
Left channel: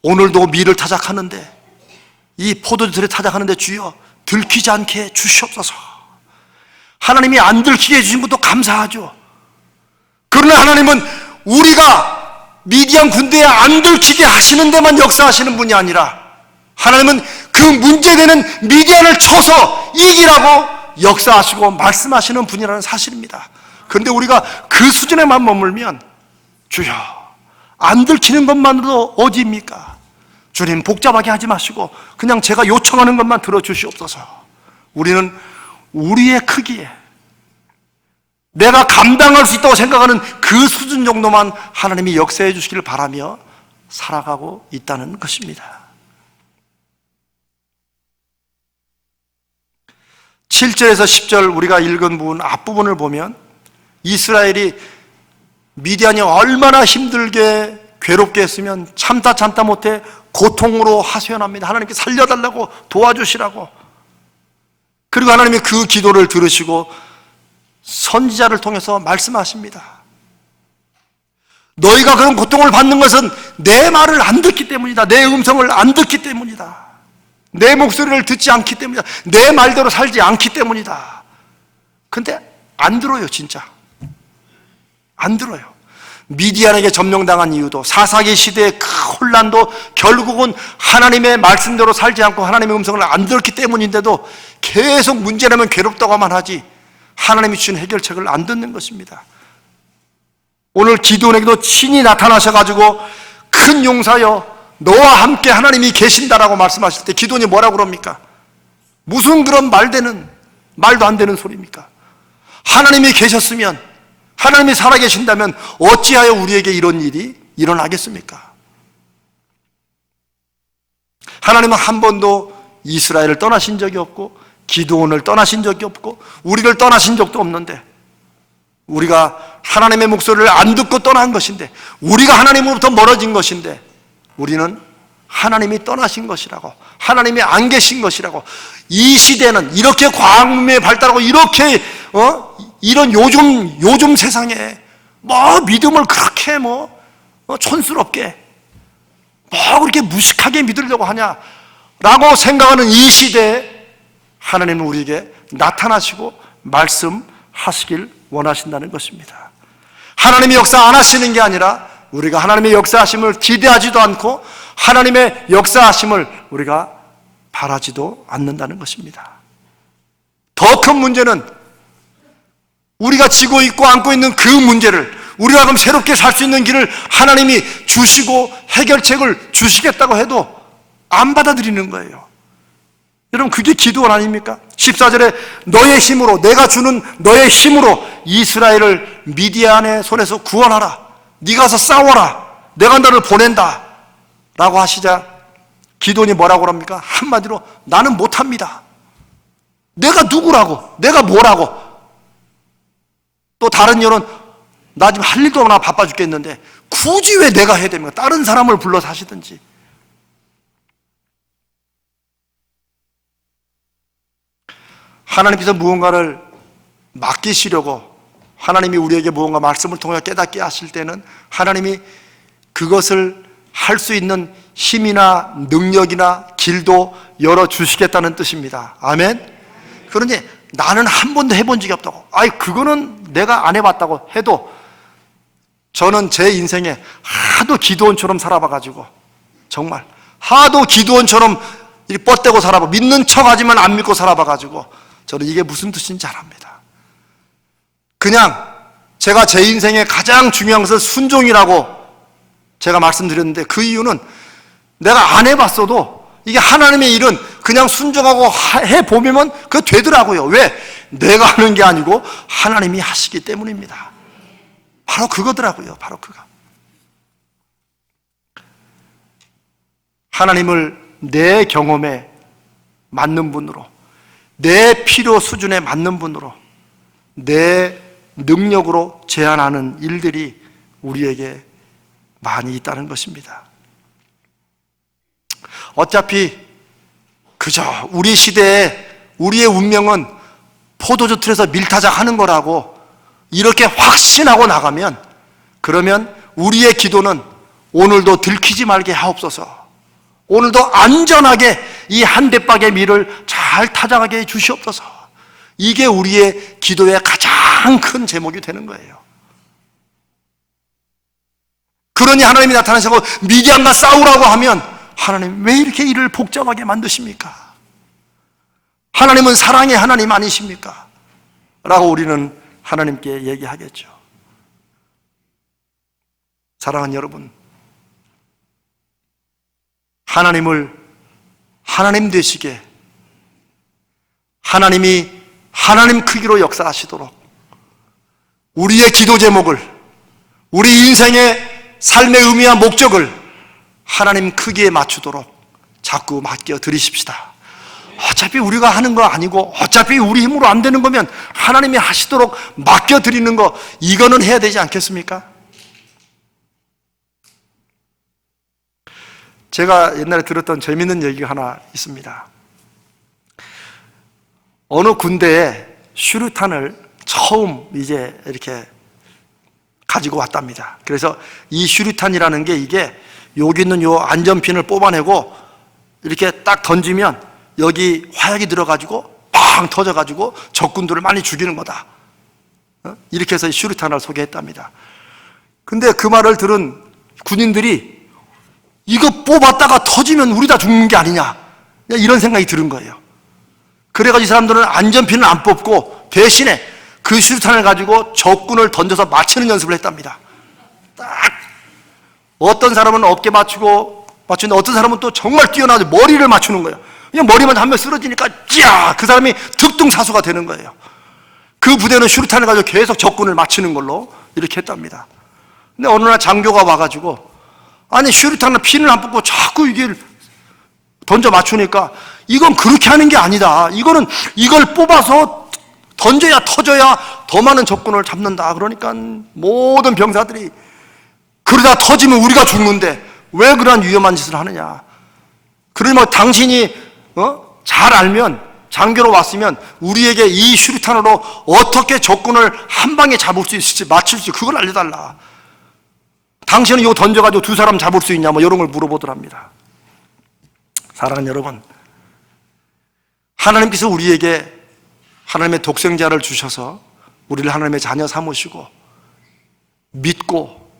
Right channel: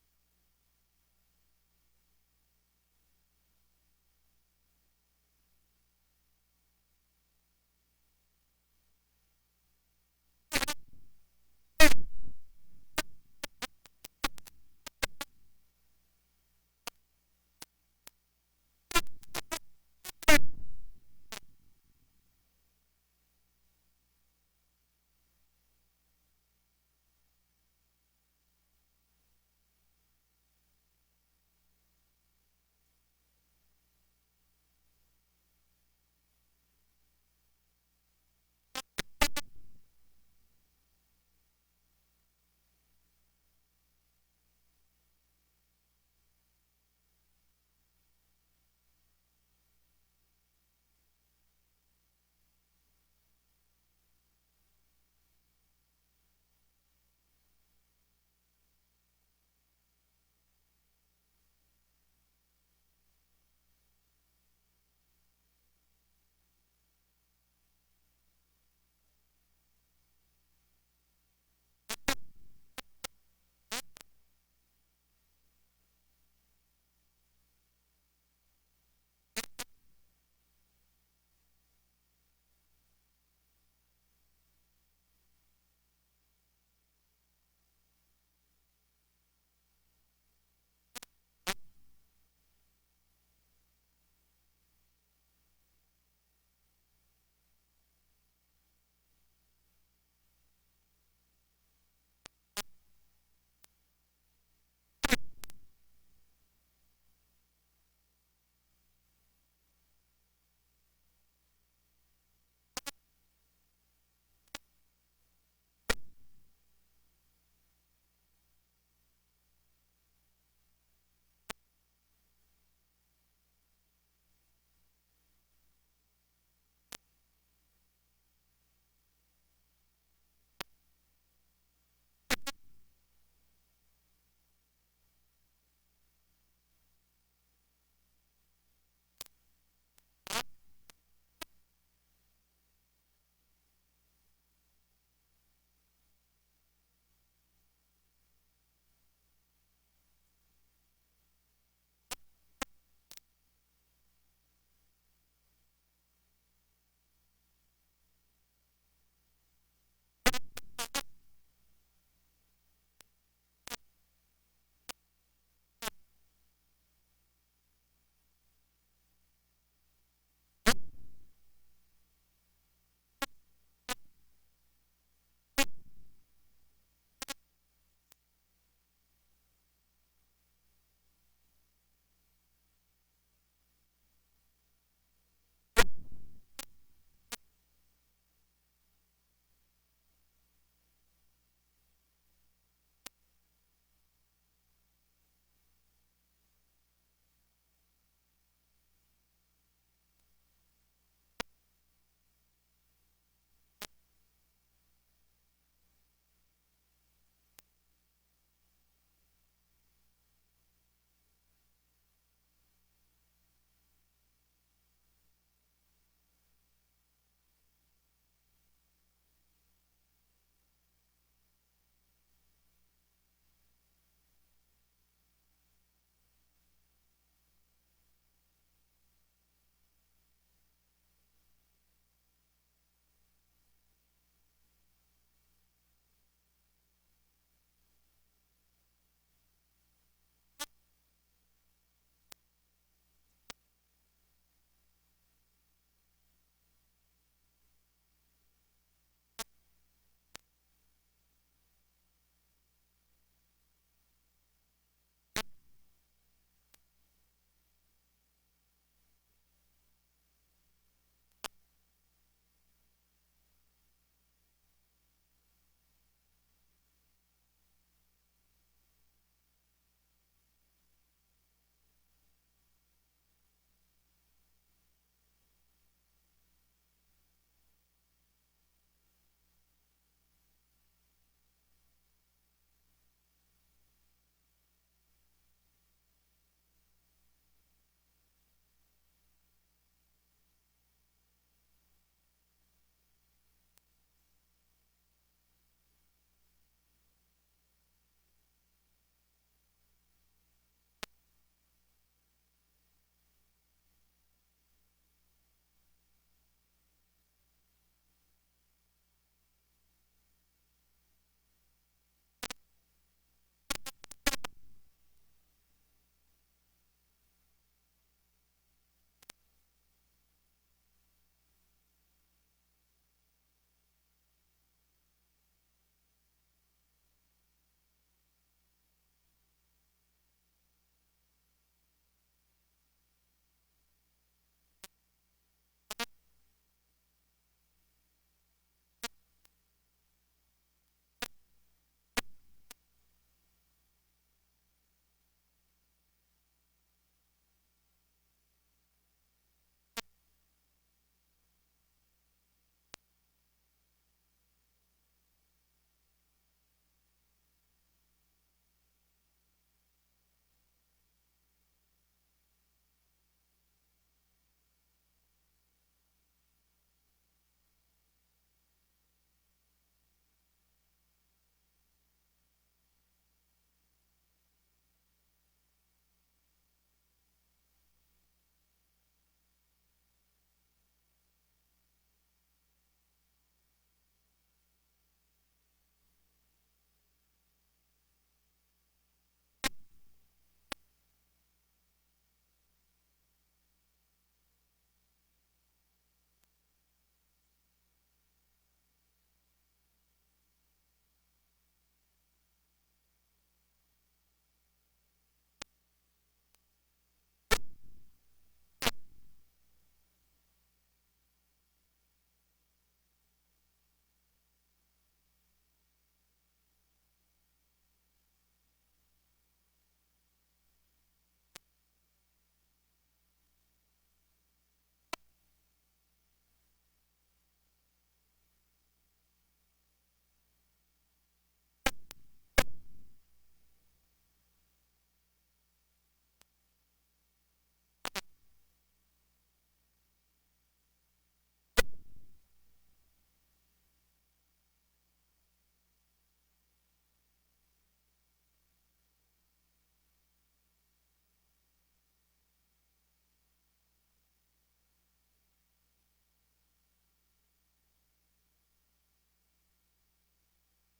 오늘도 밀을 타작하는데, 이 포도주들을 타작하는데 주여 들키지 않게 주시옵소서. 하나님이 안 들키게 해주신 것도 감사하죠. 그러나 하나님은 우리가 미디안 군대에 안 들키게 하시는 데만 역사하시는 분이 아니라 하나님은 그 문제되는 미디안을 쳐서 이기라고 역사하시고 말씀하시는 분이라는 사실입니다. 그런데 우리가 그 수준에만 머물면 주여, 안 들키는 것만으로도 어디입니까? 주님, 복잡하게 하지 마시고 그냥 제가 요청하는 것만 들어주시옵소서. 우리는 우리의 크기에 내가 감당할 수 있다고 생각하는 그 수준 정도만 하나님이 역사해 주시기를 바라며 살아가고 있다는 것입니다. 7절에서 10절 우리가 읽은 부분 앞부분을 보면 이스라엘이 미디안이 얼마나 힘들게 괴롭게 했으면 참다 못해 고통으로 하소연합니다. 하나님께 살려달라고, 도와주시라고. 그리고 하나님이 그 기도를 들으시고 선지자를 통해서 말씀하십니다. 너희가 그런 고통을 받는 것은 내 말을 안 듣기 때문이다. 내 음성을 안 듣기 때문이다. 내 목소리를 듣지 않기 때문이다. 내 말대로 살지 않기 때문이다. 근데 안 들어요. 진짜 안 들어요. 미디안에게 점령당한 이유도, 사사기 시대의 그 혼란도 결국은 하나님의 말씀대로 살지 않고 하나님의 음성을 안 들었기 때문인데도 계속 문제라면 괴롭다고만 하지 하나님이 주신 해결책을 안 듣는 것입니다. 오늘 기드온에게도 친히 나타나셔가지고 큰 용사여 너와 함께 하나님이 계신다라고 말씀하실 때 기드온이 뭐라고 그럽니까? 무슨 그런 말도 안 되는 소리입니까? 하나님이 계셨으면, 하나님이 살아계신다면 어찌하여 우리에게 이런 일이 일어나겠습니까? 하나님은 한 번도 이스라엘을 떠나신 적이 없고 기드온을 떠나신 적이 없고 우리를 떠나신 적도 없는데, 우리가 하나님의 목소리를 안 듣고 떠난 것인데, 우리가 하나님으로부터 멀어진 것인데 우리는 하나님이 떠나신 것이라고, 하나님이 안 계신 것이라고, 이 시대는 이렇게 과학문명이 발달하고 이렇게 이런 요즘 세상에 뭐 믿음을 그렇게 촌스럽게 그렇게 무식하게 믿으려고 하냐라고 생각하는 이 시대에 하나님은 우리에게 나타나시고 말씀하시길 원하신다는 것입니다. 하나님이 역사 안 하시는 게 아니라 우리가 하나님의 역사하심을 기대하지도 않고 하나님의 역사하심을 우리가 바라지도 않는다는 것입니다. 더 큰 문제는 우리가 지고 있고 안고 있는 그 문제를, 우리가 그럼 새롭게 살 수 있는 길을 하나님이 주시고 해결책을 주시겠다고 해도 안 받아들이는 거예요. 여러분, 그게 기도원 아닙니까? 14절에 너의 힘으로, 내가 주는 너의 힘으로 이스라엘을 미디안의 손에서 구원하라. 네가 가서 싸워라. 내가 너를 보낸다 라고 하시자 기도원이 뭐라고 합니까? 한마디로 나는 못합니다. 내가 누구라고, 내가 뭐라고. 또 다른 이유는 나 지금 할 일도 없나 바빠 죽겠는데 굳이 왜 내가 해야 됩니까? 다른 사람을 불러서 하시든지. 하나님께서 무언가를 맡기시려고, 하나님이 우리에게 무언가 말씀을 통해 깨닫게 하실 때는 하나님이 그것을 할 수 있는 힘이나 능력이나 길도 열어주시겠다는 뜻입니다. 아멘? 그러니 나는 한 번도 해본 적이 없다고, 그거는 내가 안 해봤다고 해도, 저는 제 인생에 하도 기드온처럼 살아봐가지고, 정말 하도 기드온처럼 이렇게 뻗대고 살아봐, 믿는 척하지만 안 믿고 살아봐가지고 저는 이게 무슨 뜻인지 잘 압니다. 그냥 제가 제 인생에 가장 중요한 것은 순종이라고 제가 말씀드렸는데, 그 이유는 내가 안 해봤어도 이게 하나님의 일은 그냥 순종하고 해보면 그거 되더라고요. 왜? 내가 하는 게 아니고 하나님이 하시기 때문입니다. 바로 그거더라고요. 바로 그거. 하나님을 내 경험에 맞는 분으로, 내 필요 수준에 맞는 분으로, 내 능력으로 제한하는 일들이 우리에게 많이 있다는 것입니다. 어차피 그저 우리 시대에 우리의 운명은 포도주 틀에서 밀타작 하는 거라고 이렇게 확신하고 나가면, 그러면 우리의 기도는 오늘도 들키지 말게 하옵소서, 오늘도 안전하게 이 한 대박의 밀을 잘 타장하게 해 주시옵소서. 이게 우리의 기도의 가장 큰 제목이 되는 거예요. 그러니 하나님이 나타나셔서 미디안과 싸우라고 하면 하나님 왜 이렇게 일을 복잡하게 만드십니까? 하나님은 사랑의 하나님 아니십니까? 라고 우리는 하나님께 얘기하겠죠. 사랑하는 여러분, 하나님을 하나님 되시게, 하나님이 하나님 크기로 역사하시도록 우리의 기도 제목을, 우리 인생의 삶의 의미와 목적을 하나님 크기에 맞추도록 자꾸 맡겨 드리십시다. 어차피 우리가 하는 거 아니고 어차피 우리 힘으로 안 되는 거면 하나님이 하시도록 맡겨 드리는 거, 이거는 해야 되지 않겠습니까? 제가 옛날에 들었던 재밌는 얘기가 하나 있습니다. 어느 군대에 슈루탄을 처음 이제 이렇게 가지고 왔답니다. 그래서 이 슈루탄이라는 게 이게 여기 있는 요 안전핀을 뽑아내고 이렇게 딱 던지면 여기 화약이 들어가지고 팡 터져가지고 적군들을 많이 죽이는 거다. 이렇게 해서 슈루탄을 소개했답니다. 근데 그 말을 들은 군인들이 이거 뽑았다가 터지면 우리 다 죽는 게 아니냐, 이런 생각이 드는 거예요. 그래가지고 이 사람들은 안전핀을 안 뽑고 대신에 그 슈루탄을 가지고 적군을 던져서 맞추는 연습을 했답니다. 딱 어떤 사람은 어깨 맞추는데 어떤 사람은 또 정말 뛰어나서 머리를 맞추는 거예요. 그냥 머리만 한 명 쓰러지니까 찌야, 그 사람이 득등사수가 되는 거예요. 그 부대는 슈루탄을 가지고 계속 적군을 맞추는 걸로 이렇게 했답니다. 근데 어느 날 장교가 와가지고, 아니 슈루탄을 핀을 안 뽑고 자꾸 이게 던져 맞추니까 이건 그렇게 하는 게 아니다. 이거는 이걸 뽑아서 던져야 터져야 더 많은 적군을 잡는다. 그러니까 모든 병사들이 그러다 터지면 우리가 죽는데 왜 그런 위험한 짓을 하느냐. 그러니 뭐 당신이 잘 알면, 장교로 왔으면 우리에게 이 슈루탄으로 어떻게 적군을 한 방에 잡을 수 있을지, 맞출 수 있을지 그걸 알려달라. 당신은 이거 던져가지고 두 사람 잡을 수 있냐, 뭐 이런 걸 물어보더랍니다. 사랑하는 여러분, 하나님께서 우리에게 하나님의 독생자를 주셔서 우리를 하나님의 자녀 삼으시고 믿고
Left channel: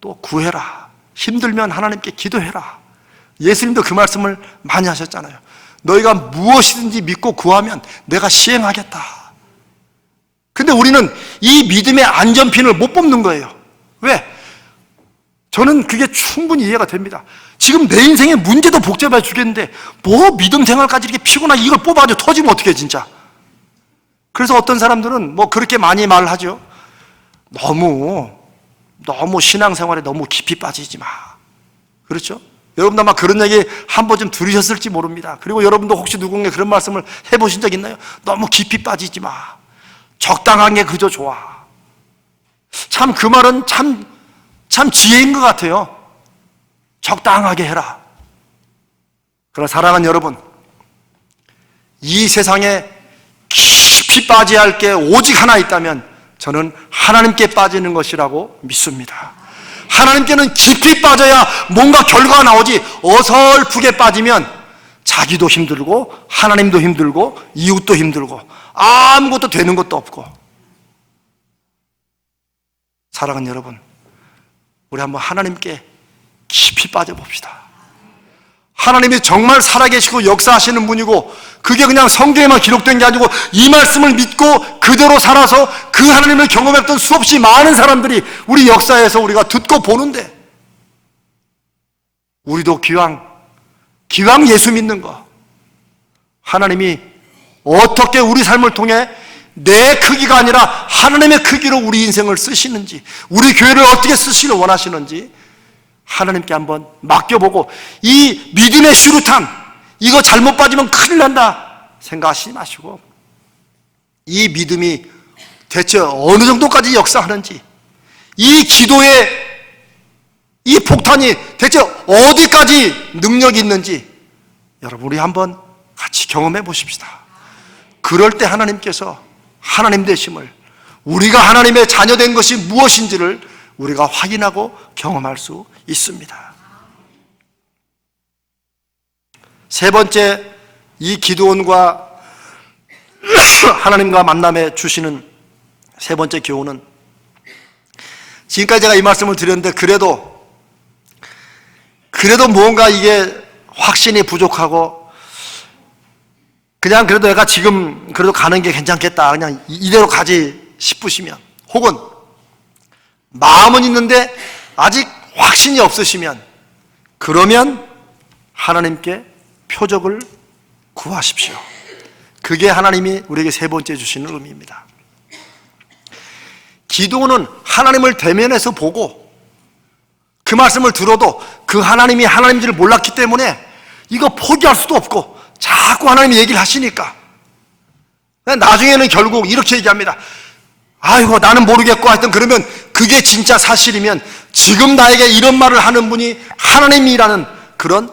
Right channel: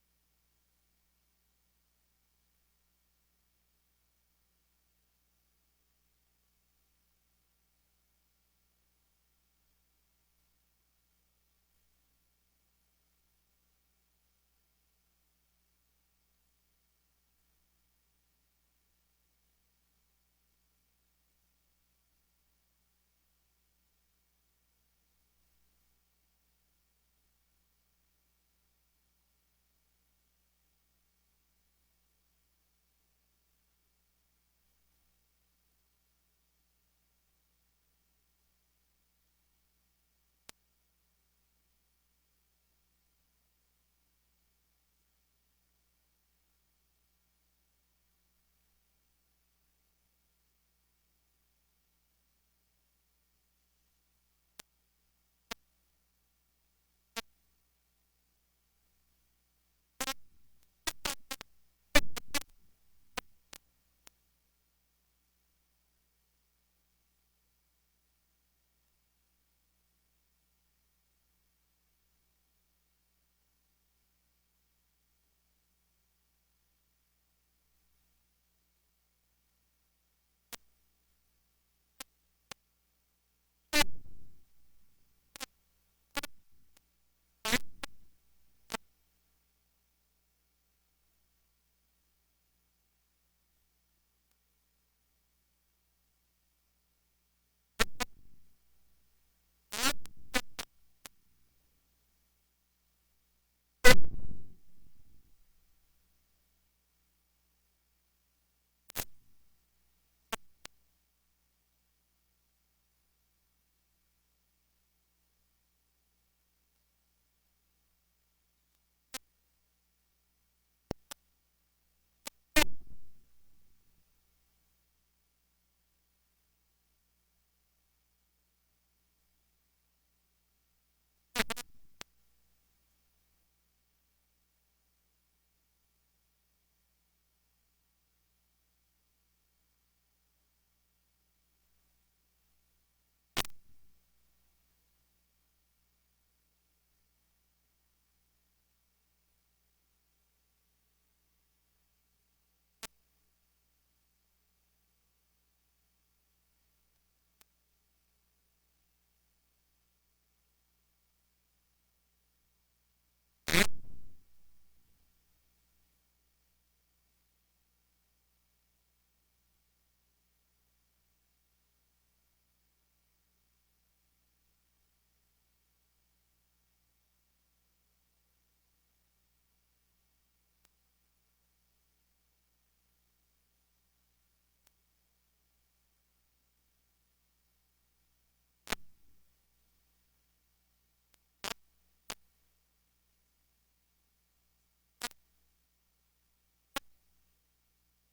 또 구해라, 힘들면 하나님께 기도해라. 예수님도 그 말씀을 많이 하셨잖아요. 너희가 무엇이든지 믿고 구하면 내가 시행하겠다. 근데 우리는 이 믿음의 안전핀을 못 뽑는 거예요. 왜? 저는 그게 충분히 이해가 됩니다. 지금 내 인생의 문제도 복잡해 죽겠는데 뭐 믿음 생활까지 이렇게 피곤하게 이걸 뽑아가지고 터지면 어떡해 진짜. 그래서 어떤 사람들은 뭐 그렇게 많이 말하죠. 너무 신앙생활에 너무 깊이 빠지지 마. 그렇죠? 여러분도 아마 그런 얘기 한 번쯤 들으셨을지 모릅니다. 그리고 여러분도 혹시 누군가 그런 말씀을 해보신 적 있나요? 너무 깊이 빠지지 마. 적당한 게 그저 좋아. 참 그 말은 참 지혜인 것 같아요. 적당하게 해라. 그러나 사랑하는 여러분, 이 세상에 깊이 빠져야 할 게 오직 하나 있다면 저는 하나님께 빠지는 것이라고 믿습니다. 하나님께는 깊이 빠져야 뭔가 결과가 나오지, 어설프게 빠지면 자기도 힘들고 하나님도 힘들고 이웃도 힘들고 아무것도 되는 것도 없고. 사랑하는 여러분, 우리 한번 하나님께 깊이 빠져봅시다. 하나님이 정말 살아계시고 역사하시는 분이고, 그게 그냥 성경에만 기록된 게 아니고 이 말씀을 믿고 그대로 살아서 그 하나님을 경험했던 수없이 많은 사람들이 우리 역사에서 우리가 듣고 보는데, 우리도 기왕 예수 믿는 거, 하나님이 어떻게 우리 삶을 통해 내 크기가 아니라 하나님의 크기로 우리 인생을 쓰시는지, 우리 교회를 어떻게 쓰시길 원하시는지 하나님께 한번 맡겨보고, 이 믿음의 슈루탄, 이거 잘못 빠지면 큰일 난다 생각하시지 마시고, 이 믿음이 대체 어느 정도까지 역사하는지, 이 기도의 이 폭탄이 대체 어디까지 능력이 있는지 여러분 우리 한번 같이 경험해 보십시다. 그럴 때 하나님께서 하나님 되심을, 우리가 하나님의 자녀된 것이 무엇인지를 우리가 확인하고 경험할 수 있습니다. 세 번째, 이 기드온과 하나님과 만남에 주시는 세 번째 교훈은, 지금까지 제가 이 말씀을 드렸는데 그래도 뭔가 이게 확신이 부족하고 그냥 그래도 내가 지금 그래도 가는 게 괜찮겠다, 그냥 이대로 가지 싶으시면, 혹은 마음은 있는데 아직 확신이 없으시면, 그러면 하나님께 표적을 구하십시오. 그게 하나님이 우리에게 세 번째 주시는 의미입니다. 기도는 하나님을 대면해서 보고 그 말씀을 들어도 그 하나님이 하나님인 줄 몰랐기 때문에 이거 포기할 수도 없고 자꾸 하나님이 얘기를 하시니까 나중에는 결국 이렇게 얘기합니다. 아이고 나는 모르겠고, 하여튼 그러면 그게 진짜 사실이면 지금 나에게 이런 말을 하는 분이 하나님이라는 그런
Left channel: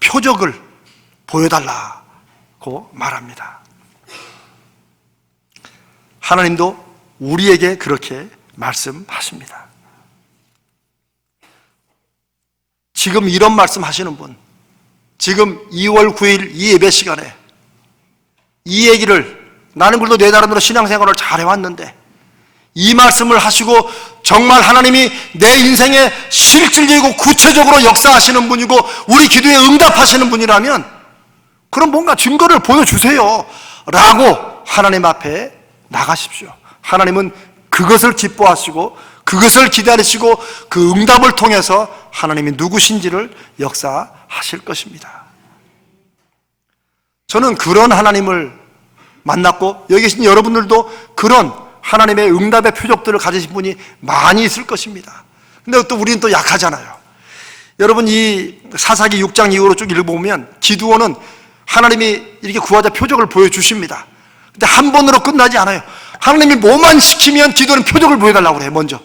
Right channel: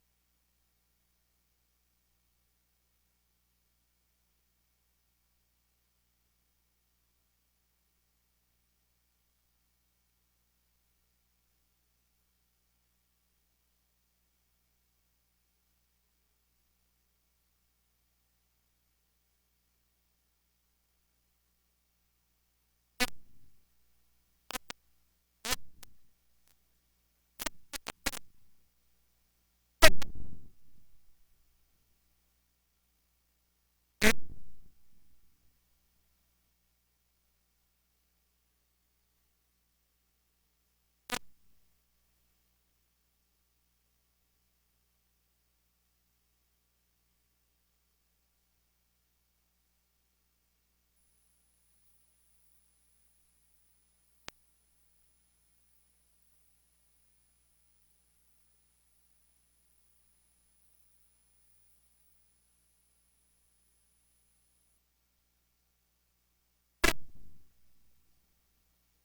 표적을 보여달라고 말합니다. 하나님도 우리에게 그렇게 말씀하십니다. 지금 이런 말씀 하시는 분, 지금 2월 9일 이 예배 시간에 이 얘기를, 나는 그래도 내 나름대로 신앙생활을 잘 해왔는데 이 말씀을 하시고 정말 하나님이 내 인생에 실질적이고 구체적으로 역사하시는 분이고 우리 기도에 응답하시는 분이라면 그럼 뭔가 증거를 보여주세요 라고 하나님 앞에 나가십시오. 하나님은 그것을 기뻐하시고 그것을 기다리시고 그 응답을 통해서 하나님이 누구신지를 역사하실 것입니다. 저는 그런 하나님을 만났고 여기 계신 여러분들도 그런 하나님의 응답의 표적들을 가지신 분이 많이 있을 것입니다. 근데 또 우리는 또 약하잖아요. 여러분, 이 사사기 6장 이후로 쭉 읽어보면 기드온은 하나님이 이렇게 구하자 표적을 보여주십니다. 근데 한 번으로 끝나지 않아요. 하나님이 뭐만 시키면 기도는 표적을 보여달라고 그래요, 먼저.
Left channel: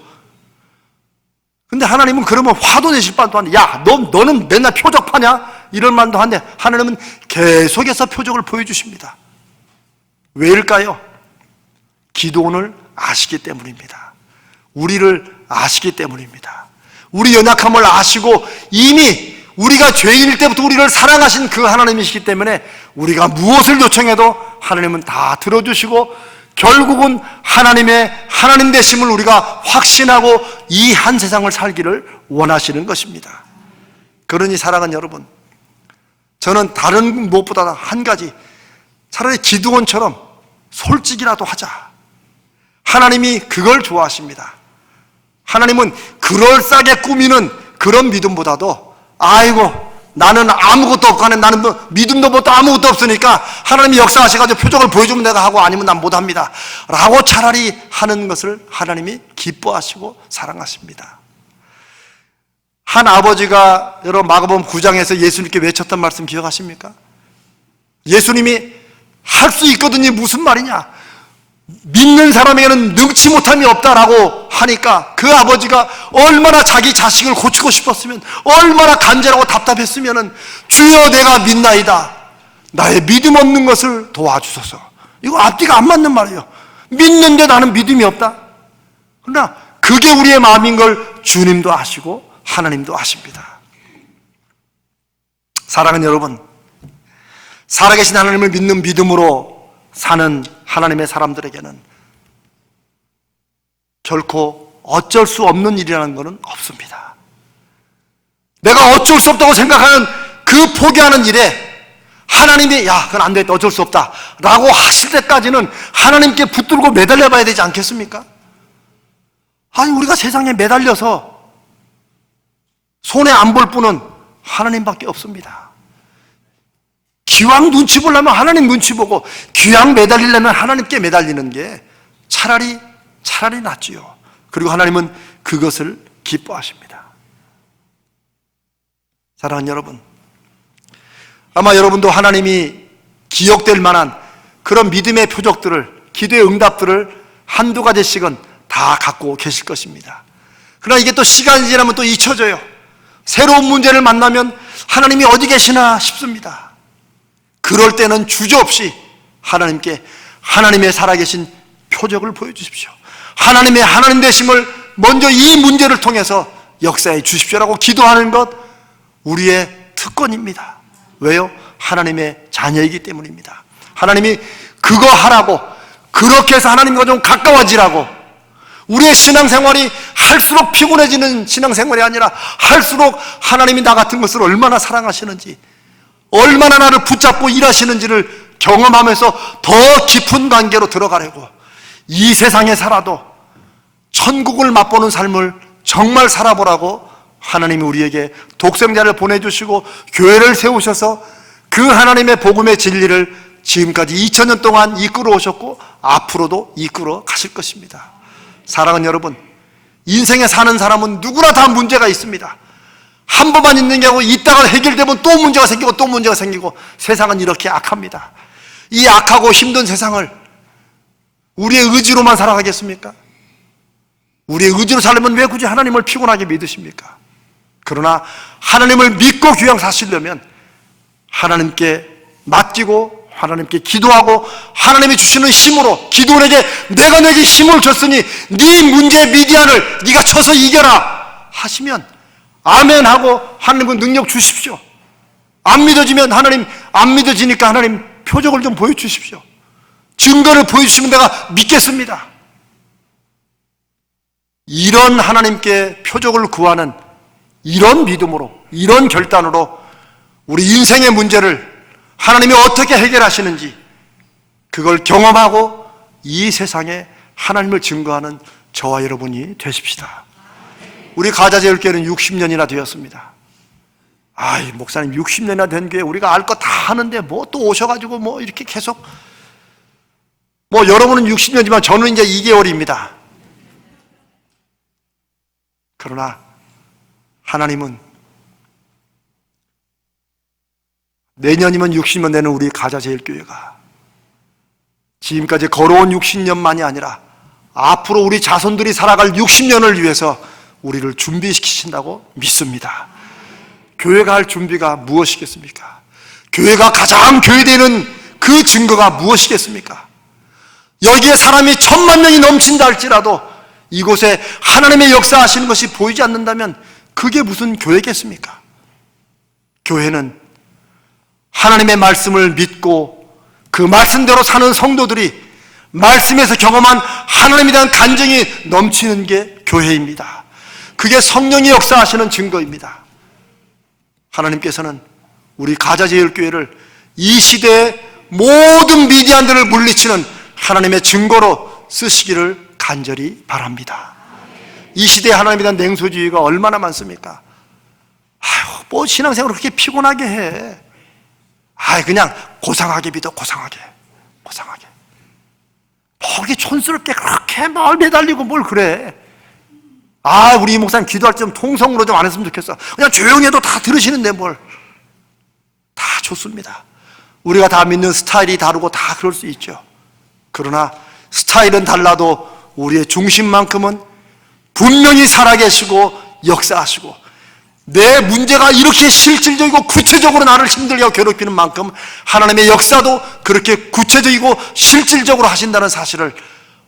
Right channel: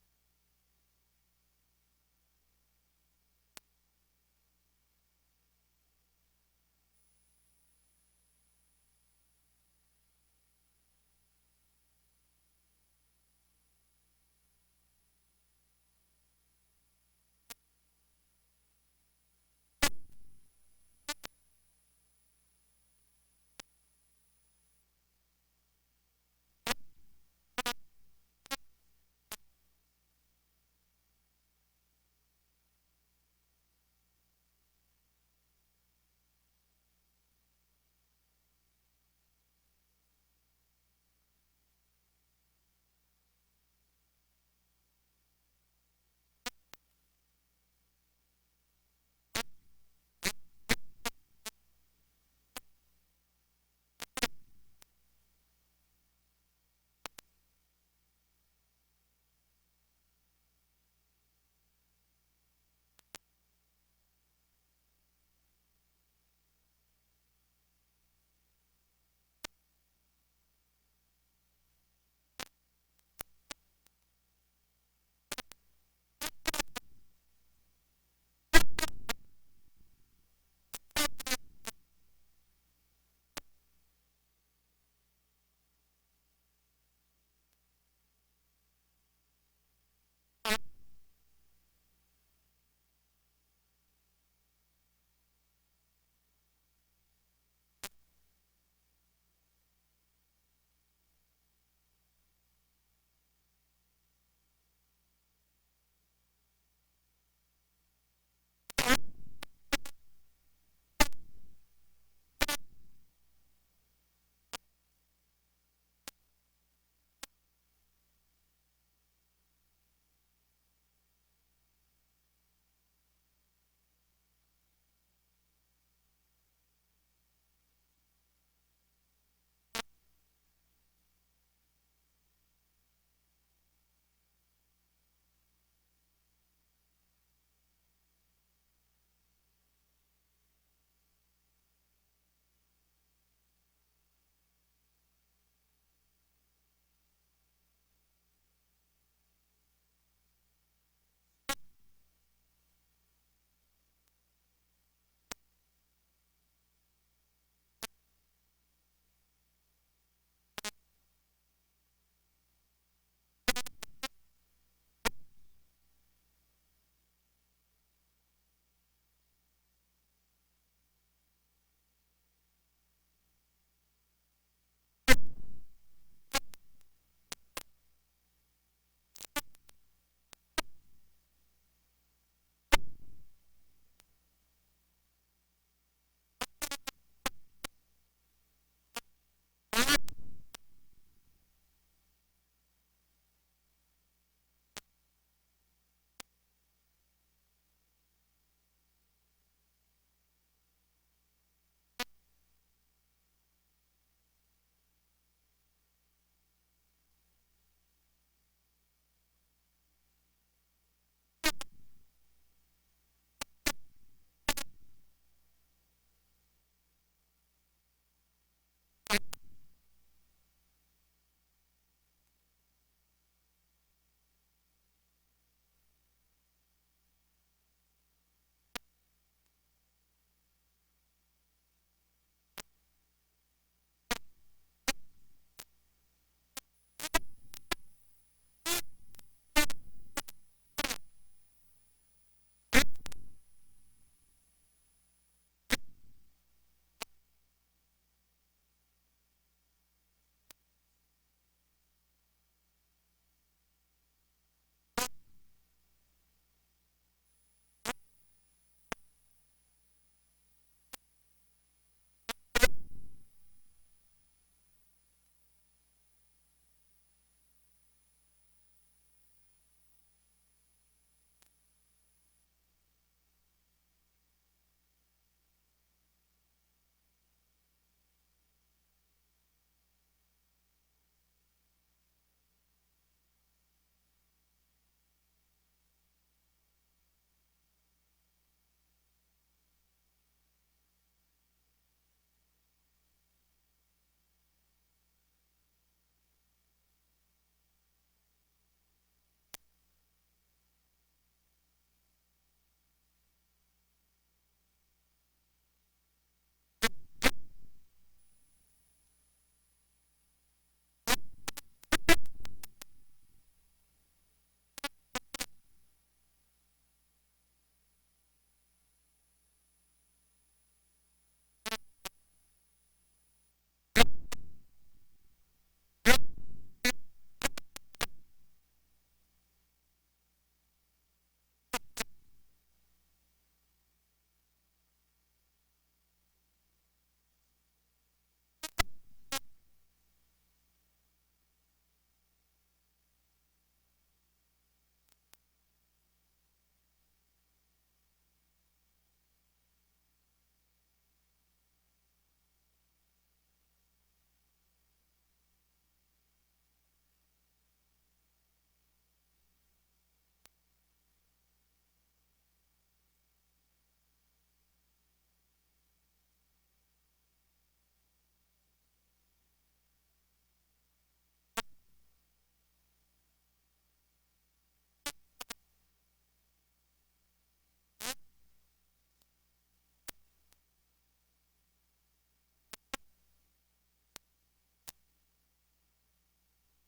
근데 하나님은 그러면 화도 내실 바도 한데, 야, 너는 맨날 표적 파냐? 이런 말도 한데, 하나님은 계속해서 표적을 보여주십니다. 왜일까요? 기도원을 아시기 때문입니다. 우리를 아시기 때문입니다. 우리 연약함을 아시고 이미 우리가 죄인일 때부터 우리를 사랑하신 그 하나님이시기 때문에 우리가 무엇을 요청해도 하나님은 다 들어주시고 결국은 하나님의 하나님 되심을 우리가 확신하고 이 한 세상을 살기를 원하시는 것입니다. 그러니 사랑하는 여러분, 저는 다른 무엇보다 한 가지, 차라리 기드온처럼 솔직이라도 하자. 하나님이 그걸 좋아하십니다. 하나님은 그럴싸하게 꾸미는 그런 믿음보다도, 아이고 나는 아무것도 없고 나는 뭐 믿음도 못도 아무것도 없으니까 하나님이 역사하셔가지고 표적을 보여주면 내가 하고 아니면 난 못합니다 라고 차라리 하는 것을 하나님이 기뻐하시고 사랑하십니다. 한 아버지가 여러분 마가복음 9장에서 예수님께 외쳤던 말씀 기억하십니까? 예수님이 할 수 있거든요. 무슨 말이냐? 믿는 사람에게는 능치 못함이 없다라고 하니까 그 아버지가 얼마나 자기 자식을 고치고 싶었으면, 얼마나 간절하고 답답했으면, 주여 내가 믿나이다, 나의 믿음 없는 것을 도와주소서. 이거 앞뒤가 안 맞는 말이에요. 믿는데 나는 믿음이 없다. 그러나 그게 우리의 마음인 걸 주님도 아시고 하나님도 아십니다. 사랑하는 여러분, 살아계신 하나님을 믿는 믿음으로 사는 하나님의 사람들에게는 결코 어쩔 수 없는 일이라는 것은 없습니다. 내가 어쩔 수 없다고 생각하는 그 포기하는 일에 하나님이 야 그건 안 되겠다, 어쩔 수 없다 라고 하실 때까지는 하나님께 붙들고 매달려 봐야 되지 않겠습니까? 아니 우리가 세상에 매달려서 손에 안 볼 분은 하나님밖에 없습니다. 기왕 눈치 보려면 하나님 눈치 보고 기왕 매달리려면 하나님께 매달리는 게 차라리 낫지요. 그리고 하나님은 그것을 기뻐하십니다. 사랑하는 여러분, 아마 여러분도 하나님이 기억될 만한 그런 믿음의 표적들을, 기도의 응답들을 한두 가지씩은 다 갖고 계실 것입니다. 그러나 이게 또 시간이 지나면 또 잊혀져요. 새로운 문제를 만나면 하나님이 어디 계시나 싶습니다. 그럴 때는 주저없이 하나님께 하나님의 살아계신 표적을 보여주십시오. 하나님의 하나님 되심을 먼저 이 문제를 통해서 역사해 주십시오라고 기도하는 것 우리의 특권입니다. 왜요? 하나님의 자녀이기 때문입니다. 하나님이 그거 하라고, 그렇게 해서 하나님과 좀 가까워지라고. 우리의 신앙생활이 할수록 피곤해지는 신앙생활이 아니라 할수록 하나님이 나 같은 것을 얼마나 사랑하시는지, 얼마나 나를 붙잡고 일하시는지를 경험하면서 더 깊은 관계로 들어가려고, 이 세상에 살아도 천국을 맛보는 삶을 정말 살아보라고 하나님이 우리에게 독생자를 보내주시고 교회를 세우셔서 그 하나님의 복음의 진리를 지금까지 2000년 동안 이끌어 오셨고 앞으로도 이끌어 가실 것입니다. 사랑하는 여러분, 인생에 사는 사람은 누구나 다 문제가 있습니다. 한 번만 있는 게 아니고 있다가 해결되면 또 문제가 생기고 또 문제가 생기고, 세상은 이렇게 악합니다. 이 악하고 힘든 세상을 우리의 의지로만 살아가겠습니까? 우리의 의지로 살려면 왜 굳이 하나님을 피곤하게 믿으십니까? 그러나 하나님을 믿고 귀양 사시려면 하나님께 맡기고 하나님께 기도하고 하나님이 주시는 힘으로, 기도원에게 내가 내게 힘을 줬으니 네 문제 미디안을 네가 쳐서 이겨라 하시면 아멘 하고 하나님은 능력 주십시오. 안 믿어지면 하나님, 안 믿어지니까 하나님 표적을 좀 보여주십시오. 증거를 보여주시면 내가 믿겠습니다. 이런 하나님께 표적을 구하는 이런 믿음으로, 이런 결단으로 우리 인생의 문제를 하나님이 어떻게 해결하시는지 그걸 경험하고 이 세상에 하나님을 증거하는 저와 여러분이 되십시다. 우리 가자제일교회는 60년이나 되었습니다. 아이, 목사님 60년이나 된 교회 우리가 알 거 다 하는데 뭐 또 오셔가지고 뭐 이렇게 계속, 뭐 여러분은 60년이지만 저는 이제 2개월입니다. 그러나 하나님은 내년이면 60년 되는 우리 가자제일교회가 지금까지 걸어온 60년만이 아니라 앞으로 우리 자손들이 살아갈 60년을 위해서 우리를 준비시키신다고 믿습니다. 교회가 할 준비가 무엇이겠습니까? 교회가 가장 교회되는 그 증거가 무엇이겠습니까? 여기에 사람이 1000만 명이 넘친다 할지라도 이곳에 하나님의 역사하시는 것이 보이지 않는다면 그게 무슨 교회겠습니까? 교회는 하나님의 말씀을 믿고 그 말씀대로 사는 성도들이 말씀에서 경험한 하나님에 대한 간증이 넘치는 게 교회입니다. 그게 성령이 역사하시는 증거입니다. 하나님께서는 우리 가자제일교회를 이 시대의 모든 미디안들을 물리치는 하나님의 증거로 쓰시기를 간절히 바랍니다. 이 시대에 하나님에 대한 냉소주의가 얼마나 많습니까? 아유, 뭐 신앙생활을 그렇게 피곤하게 해. 그냥 고상하게 믿어, 고상하게. 뭐 그렇게 촌스럽게 그렇게 뭘 매달리고 뭘 그래. 우리 목사님 기도할 때 좀 통성으로 좀 안 했으면 좋겠어. 그냥 조용히 해도 다 들으시는데 뭘. 다 좋습니다. 우리가 다 믿는 스타일이 다르고 다 그럴 수 있죠. 그러나 스타일은 달라도 우리의 중심만큼은 분명히 살아계시고 역사하시고, 내 문제가 이렇게 실질적이고 구체적으로 나를 힘들게 하고 괴롭히는 만큼 하나님의 역사도 그렇게 구체적이고 실질적으로 하신다는 사실을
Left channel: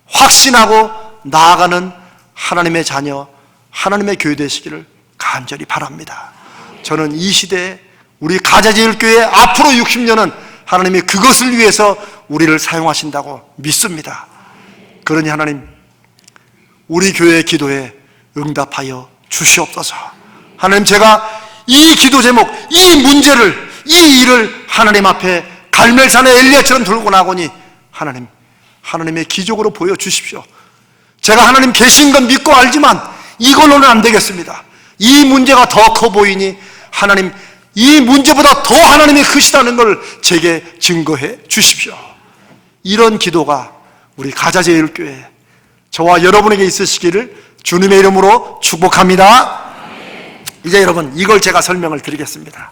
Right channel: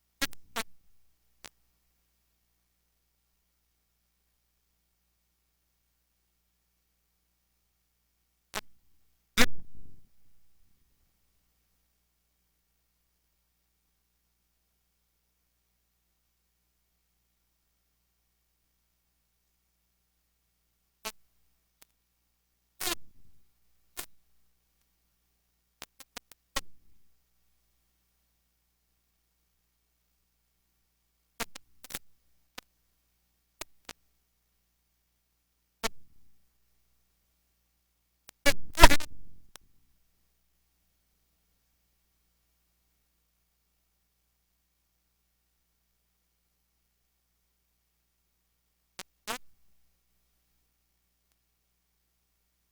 확신하고 나아가는 하나님의 자녀, 하나님의 교회 되시기를 간절히 바랍니다. 저는 이 시대에 우리 가자제일교회 앞으로 60년은 하나님이 그것을 위해서 우리를 사용하신다고 믿습니다. 그러니 하나님, 우리 교회의 기도에 응답하여 주시옵소서. 하나님, 제가 이 기도 제목, 이 문제를, 이 일을 하나님 앞에 갈멜산의 엘리야처럼 들고 나오니 하나님, 하나님의 기적으로 보여주십시오. 제가 하나님 계신 건 믿고 알지만 이걸로는 안 되겠습니다. 이 문제가 더 커 보이니 하나님, 이 문제보다 더 하나님이 크시다는 걸 제게 증거해 주십시오. 이런 기도가 우리 가자제일교회, 저와 여러분에게 있으시기를 주님의 이름으로 축복합니다. 이제 여러분, 이걸 제가 설명을 드리겠습니다.